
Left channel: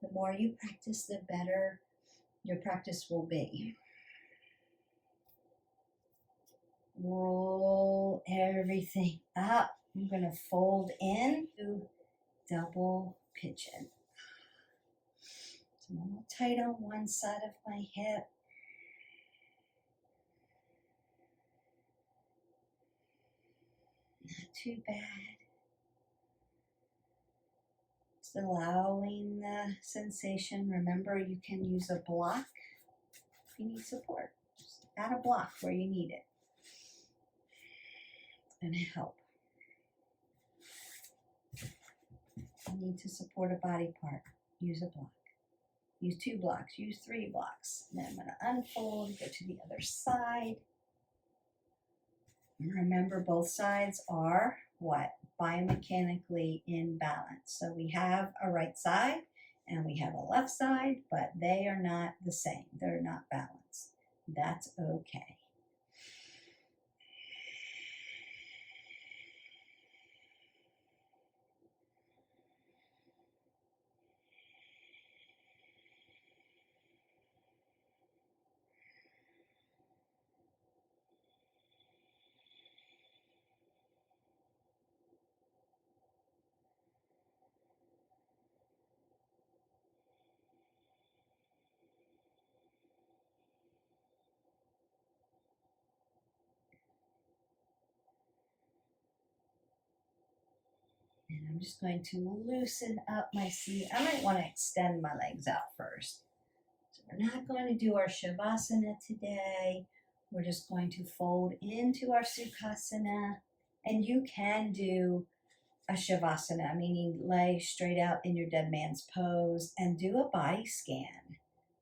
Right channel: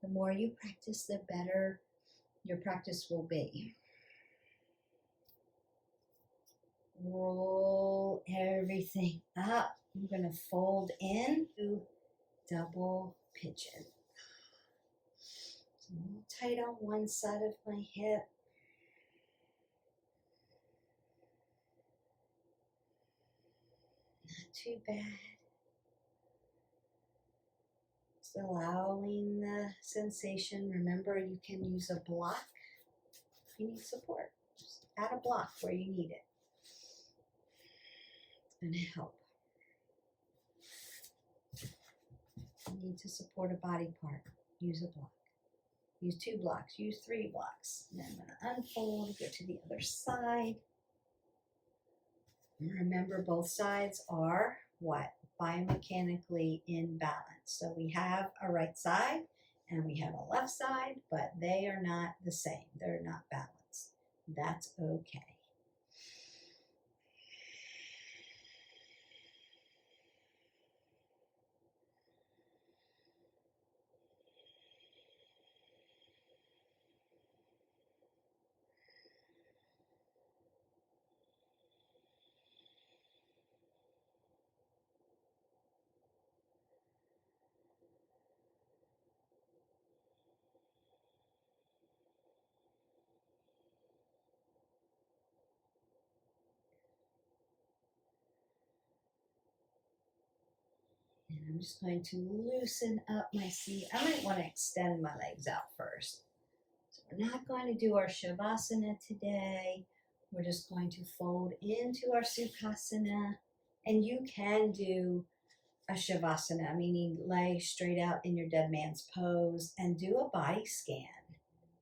The more you practice, the better your practice will be. Roll everything up. I'm going to fold in to double pigeon. So I'm a little tight on one side of my hip. Not too bad. Just allowing the sensation. Remember, you can use a block if you need support. Just add a block where you need it. It's going to help. You need to support a body part. Use a block. Use 2 blocks. Use 3 blocks. Then I'm going to unfold, go to the other side. Remember, both sides are what? Biomechanically in balance. So we have a right side and we have a left side, but they are not the same. They're not balanced. That's okay. And I'm just going to loosen up my seat. I might want to extend my legs out first. So we're not going to do our Shavasana today. We're just going to fold into our Sukhasana. And you can do a Shavasana, meaning lay straight out in your dead man's pose and do a body scan.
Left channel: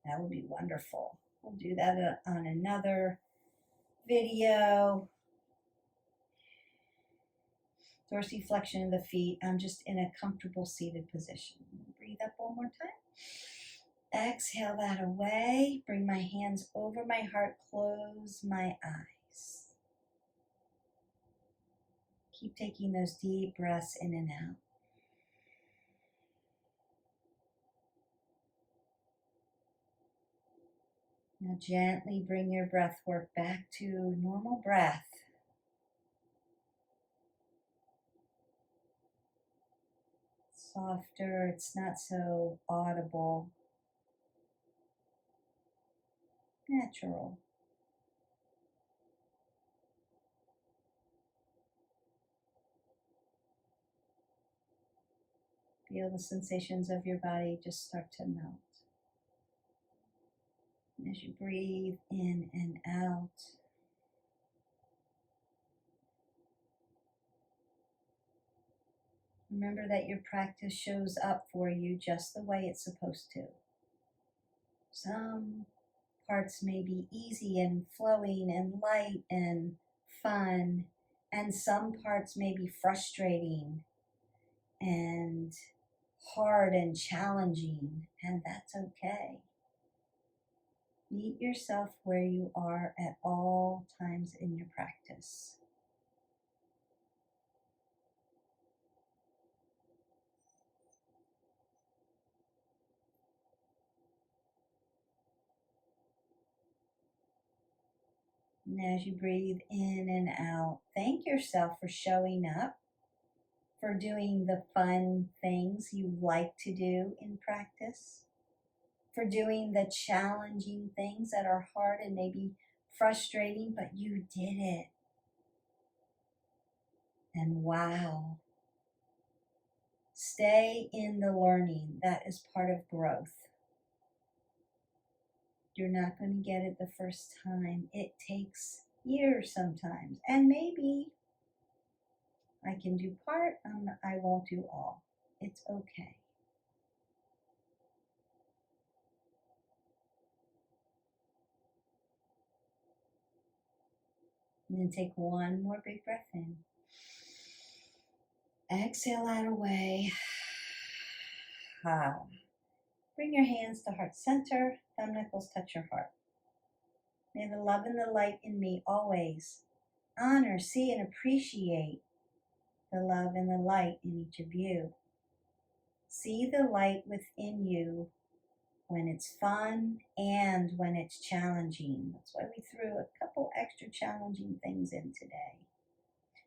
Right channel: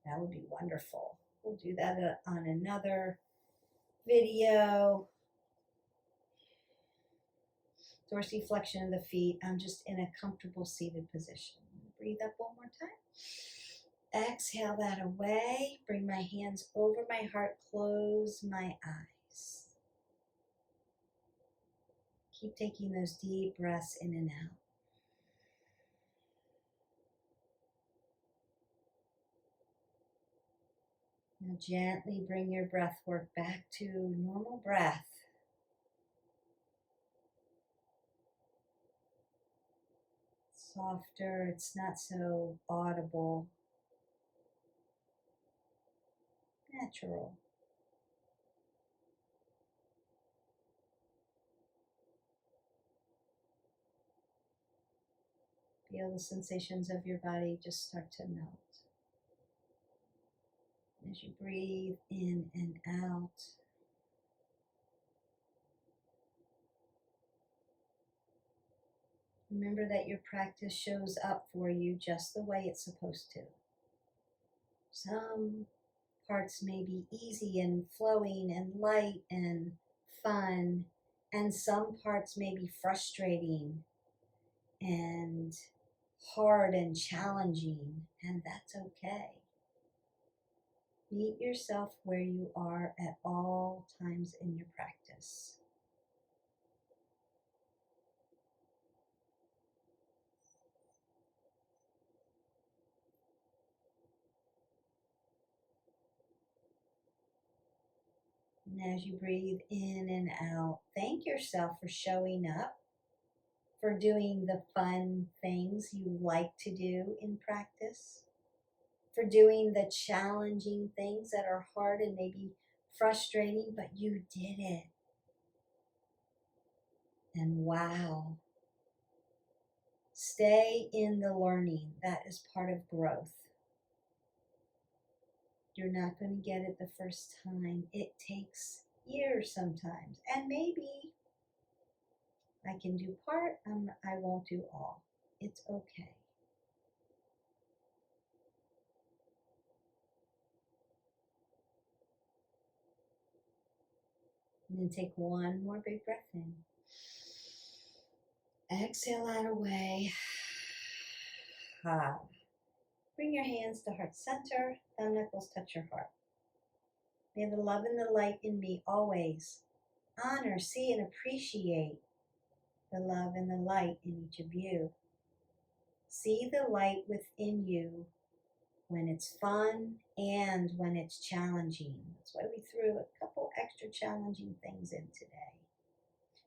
That would be wonderful. We'll do that on another video. Dorsiflexion of the feet. I'm just in a comfortable seated position. Breathe up one more time. Exhale that away. Bring my hands over my heart. Close my eyes. Keep taking those deep breaths in and out. Now gently bring your breath work back to normal breath. Softer, it's not so audible. Natural. Feel the sensations of your body just start to melt. And as you breathe in and out, remember that your practice shows up for you just the way it's supposed to. Some parts may be easy and flowing and light and fun, and some parts may be frustrating and hard and challenging, and that's okay. Meet yourself where you are at all times in your practice. And as you breathe in and out, thank yourself for showing up, for doing the fun things you like to do in practice, for doing the challenging things that are hard and maybe frustrating, but you did it. And wow, stay in the learning. That is part of growth. You're not going to get it the first time. It takes years sometimes. And maybe I can do part, I won't do all. It's okay. And then take one more big breath in. Exhale out away. Bring your hands to heart center. Thumb knuckles touch your heart. May the love and the light in me always honor, see, and appreciate the love and the light in each of you. See the light within you when it's fun and when it's challenging. That's why we threw a couple extra challenging things in today.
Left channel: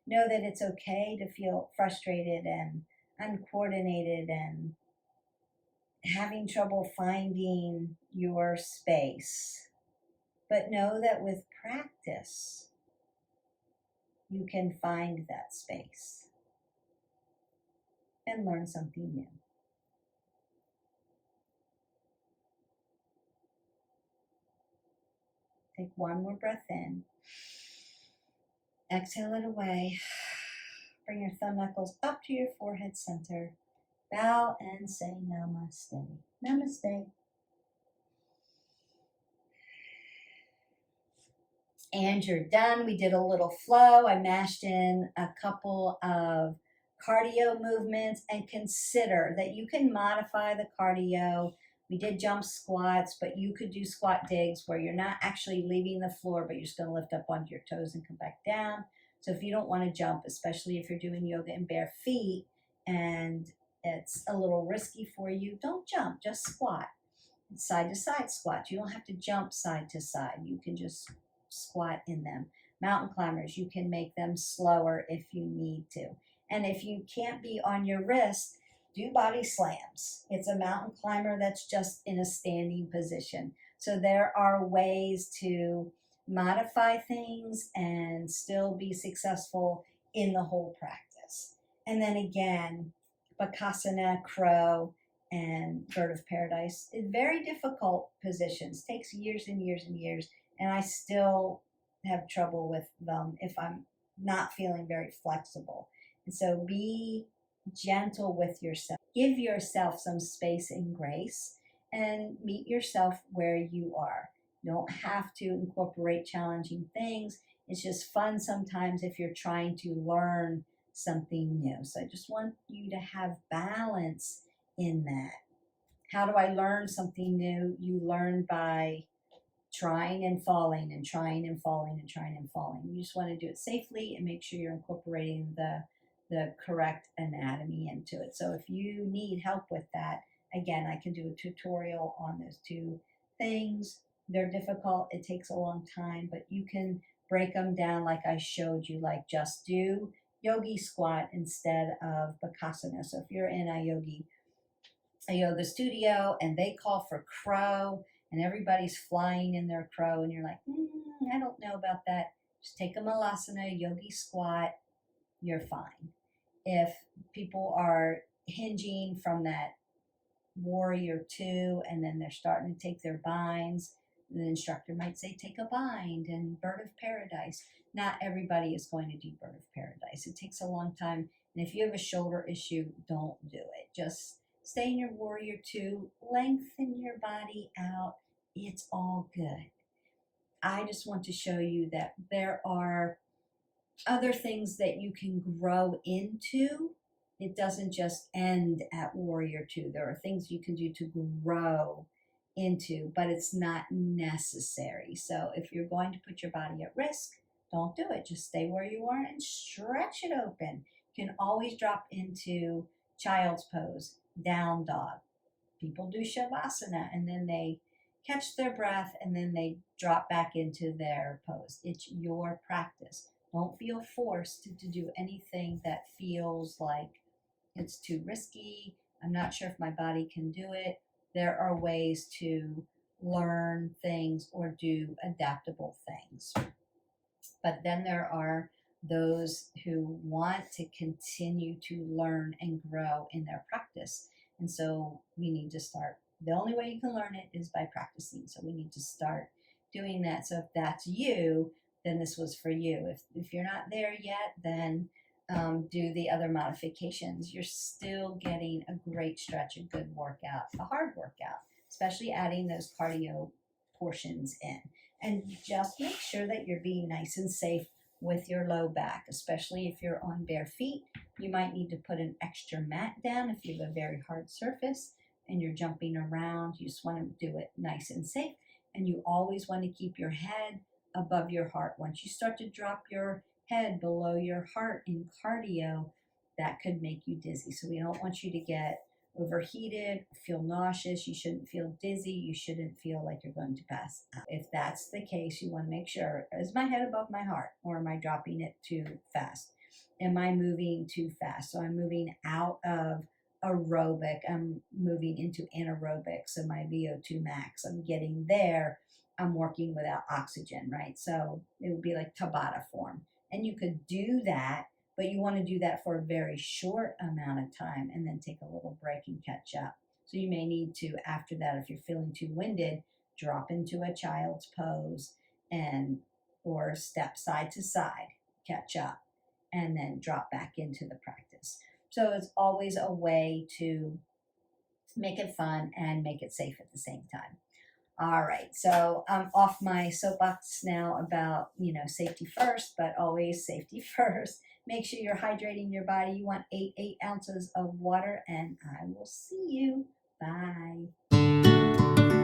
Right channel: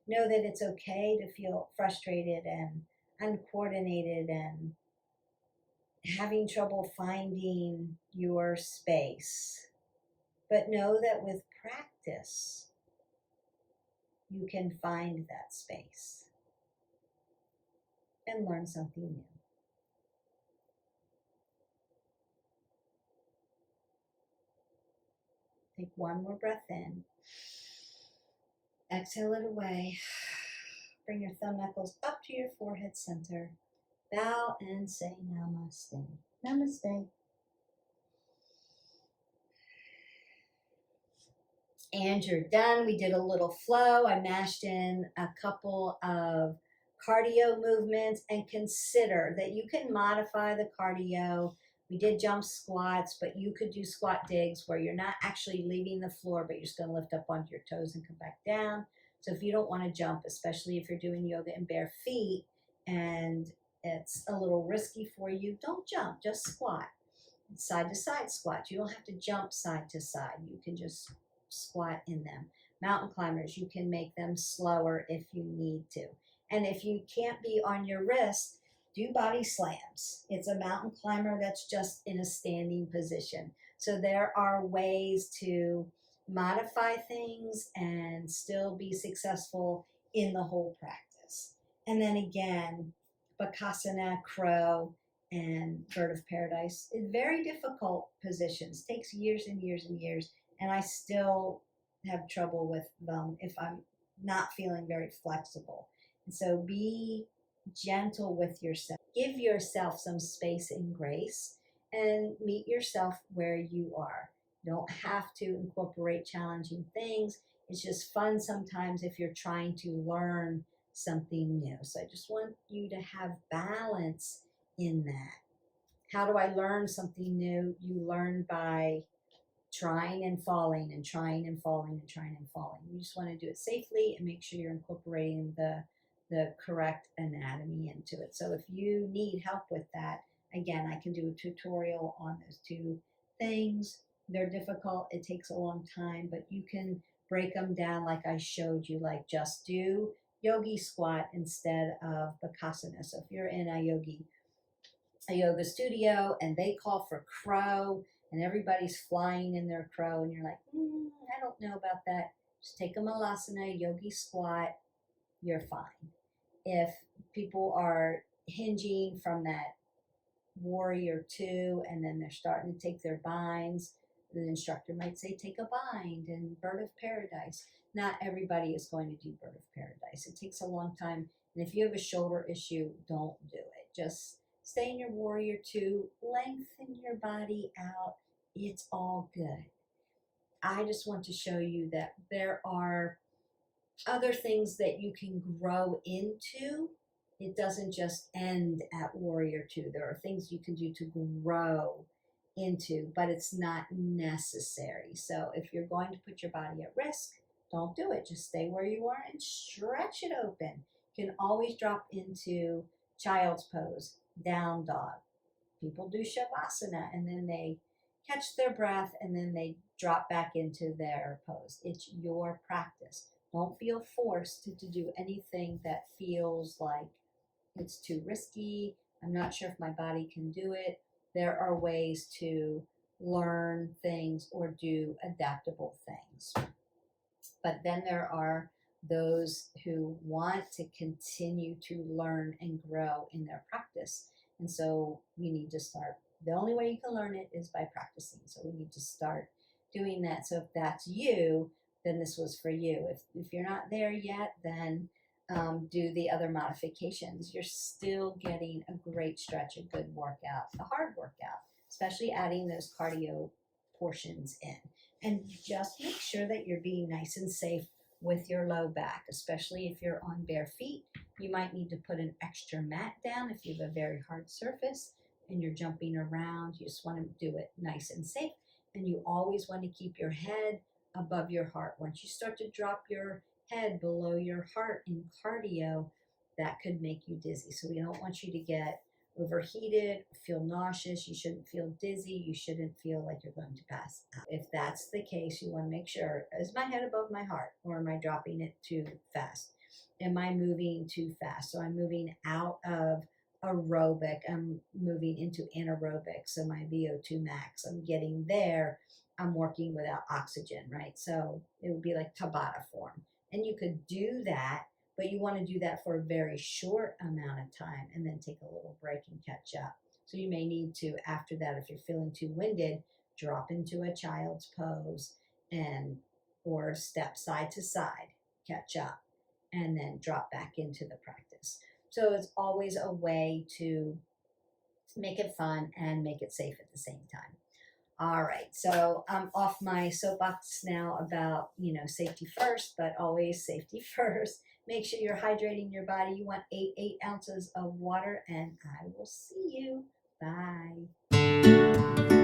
Know that it's okay to feel frustrated and uncoordinated and having trouble finding your space. But know that with practice, you can find that space and learn something new. Take one more breath in. Exhale it away. Bring your thumb knuckles up to your forehead center. Bow and say namaste. Namaste. And you're done. We did a little flow. I mashed in a couple of cardio movements, and consider that you can modify the cardio. We did jump squats, but you could do squat digs where you're not actually leaving the floor, but you're just going to lift up onto your toes and come back down. So if you don't want to jump, especially if you're doing yoga in bare feet and it's a little risky for you, don't jump, just squat. Side to side squats. You don't have to jump side to side. You can just squat in them. Mountain climbers, you can make them slower if you need to. And if you can't be on your wrist, do body slams. It's a mountain climber that's just in a standing position. So there are ways to modify things and still be successful in the whole practice. And then again, Bakasana-Crow and bird of paradise. Very difficult positions. Takes years and years and years. And I still have trouble with them if I'm not feeling very flexible. And so be gentle with yourself. Give yourself some space and grace and meet yourself where you are. You don't have to incorporate challenging things. It's just fun sometimes if you're trying to learn something new. So I just want you to have balance in that. How do I learn something new? You learn by trying and falling and trying and falling and trying and falling. You just want to do it safely and make sure you're incorporating the correct anatomy into it. So if you need help with that, again, I can do a tutorial on those two things. They're difficult. It takes a long time, but you can break them down like I showed you, like just do yogi squat instead of Bakasana. So if you're in a yoga studio and they call for crow and everybody's flying in their crow and you're like, I don't know about that. Just take a malasana, yogi squat, you're fine. If people are hinging from that warrior two and then they're starting to take their binds, the instructor might say, take a bind and bird of paradise. Not everybody is going to do bird of paradise. It takes a long time. And if you have a shoulder issue, don't do it. Just stay in your warrior two, lengthen your body out. It's all good. I just want to show you that there are other things that you can grow into. It doesn't just end at warrior two. There are things you can do to grow into, but it's not necessary. So if you're going to put your body at risk, don't do it. Just stay where you are and stretch it open. You can always drop into child's pose, down dog. People do Shavasana and then they catch their breath, and then they drop back into their pose. It's your practice. Don't feel forced to do anything that feels like it's too risky. I'm not sure if my body can do it. There are ways to learn things or do adaptable things. But then there are those who want to continue to learn and grow in their practice. And so we need to start. The only way you can learn it is by practicing. So we need to start doing that. So if that's you, then this was for you. If you're not there yet, then do the other modifications. You're still getting a great stretch, a good workout, a hard workout, especially adding those cardio portions in. And just make sure that you're being nice and safe with your low back, especially if you're on bare feet. You might need to put an extra mat down if you have a very hard surface and you're jumping around. You just want to do it nice and safe. And you always want to keep your head above your heart. Once you start to drop your head below your heart in cardio, that could make you dizzy. So we don't want you to get overheated, feel nauseous. You shouldn't feel dizzy. You shouldn't feel like you're going to pass out. If that's the case, you want to make sure, is my head above my heart, or am I dropping it too fast? Am I moving too fast? So I'm moving out of aerobic. I'm moving into anaerobic. So my VO2 max, I'm getting there. I'm working without oxygen, right? So it would be like Tabata form. And you could do that, but you want to do that for a very short amount of time and then take a little break and catch up. So you may need to, after that, if you're feeling too winded, drop into a child's pose and or step side to side, catch up, and then drop back into the practice. So it's always a way to make it fun and make it safe at the same time. All right, so I'm off my soapbox now about, safety first, but always safety first. Make sure you're hydrating your body. You want 8 ounces of water, and I will see you. Bye.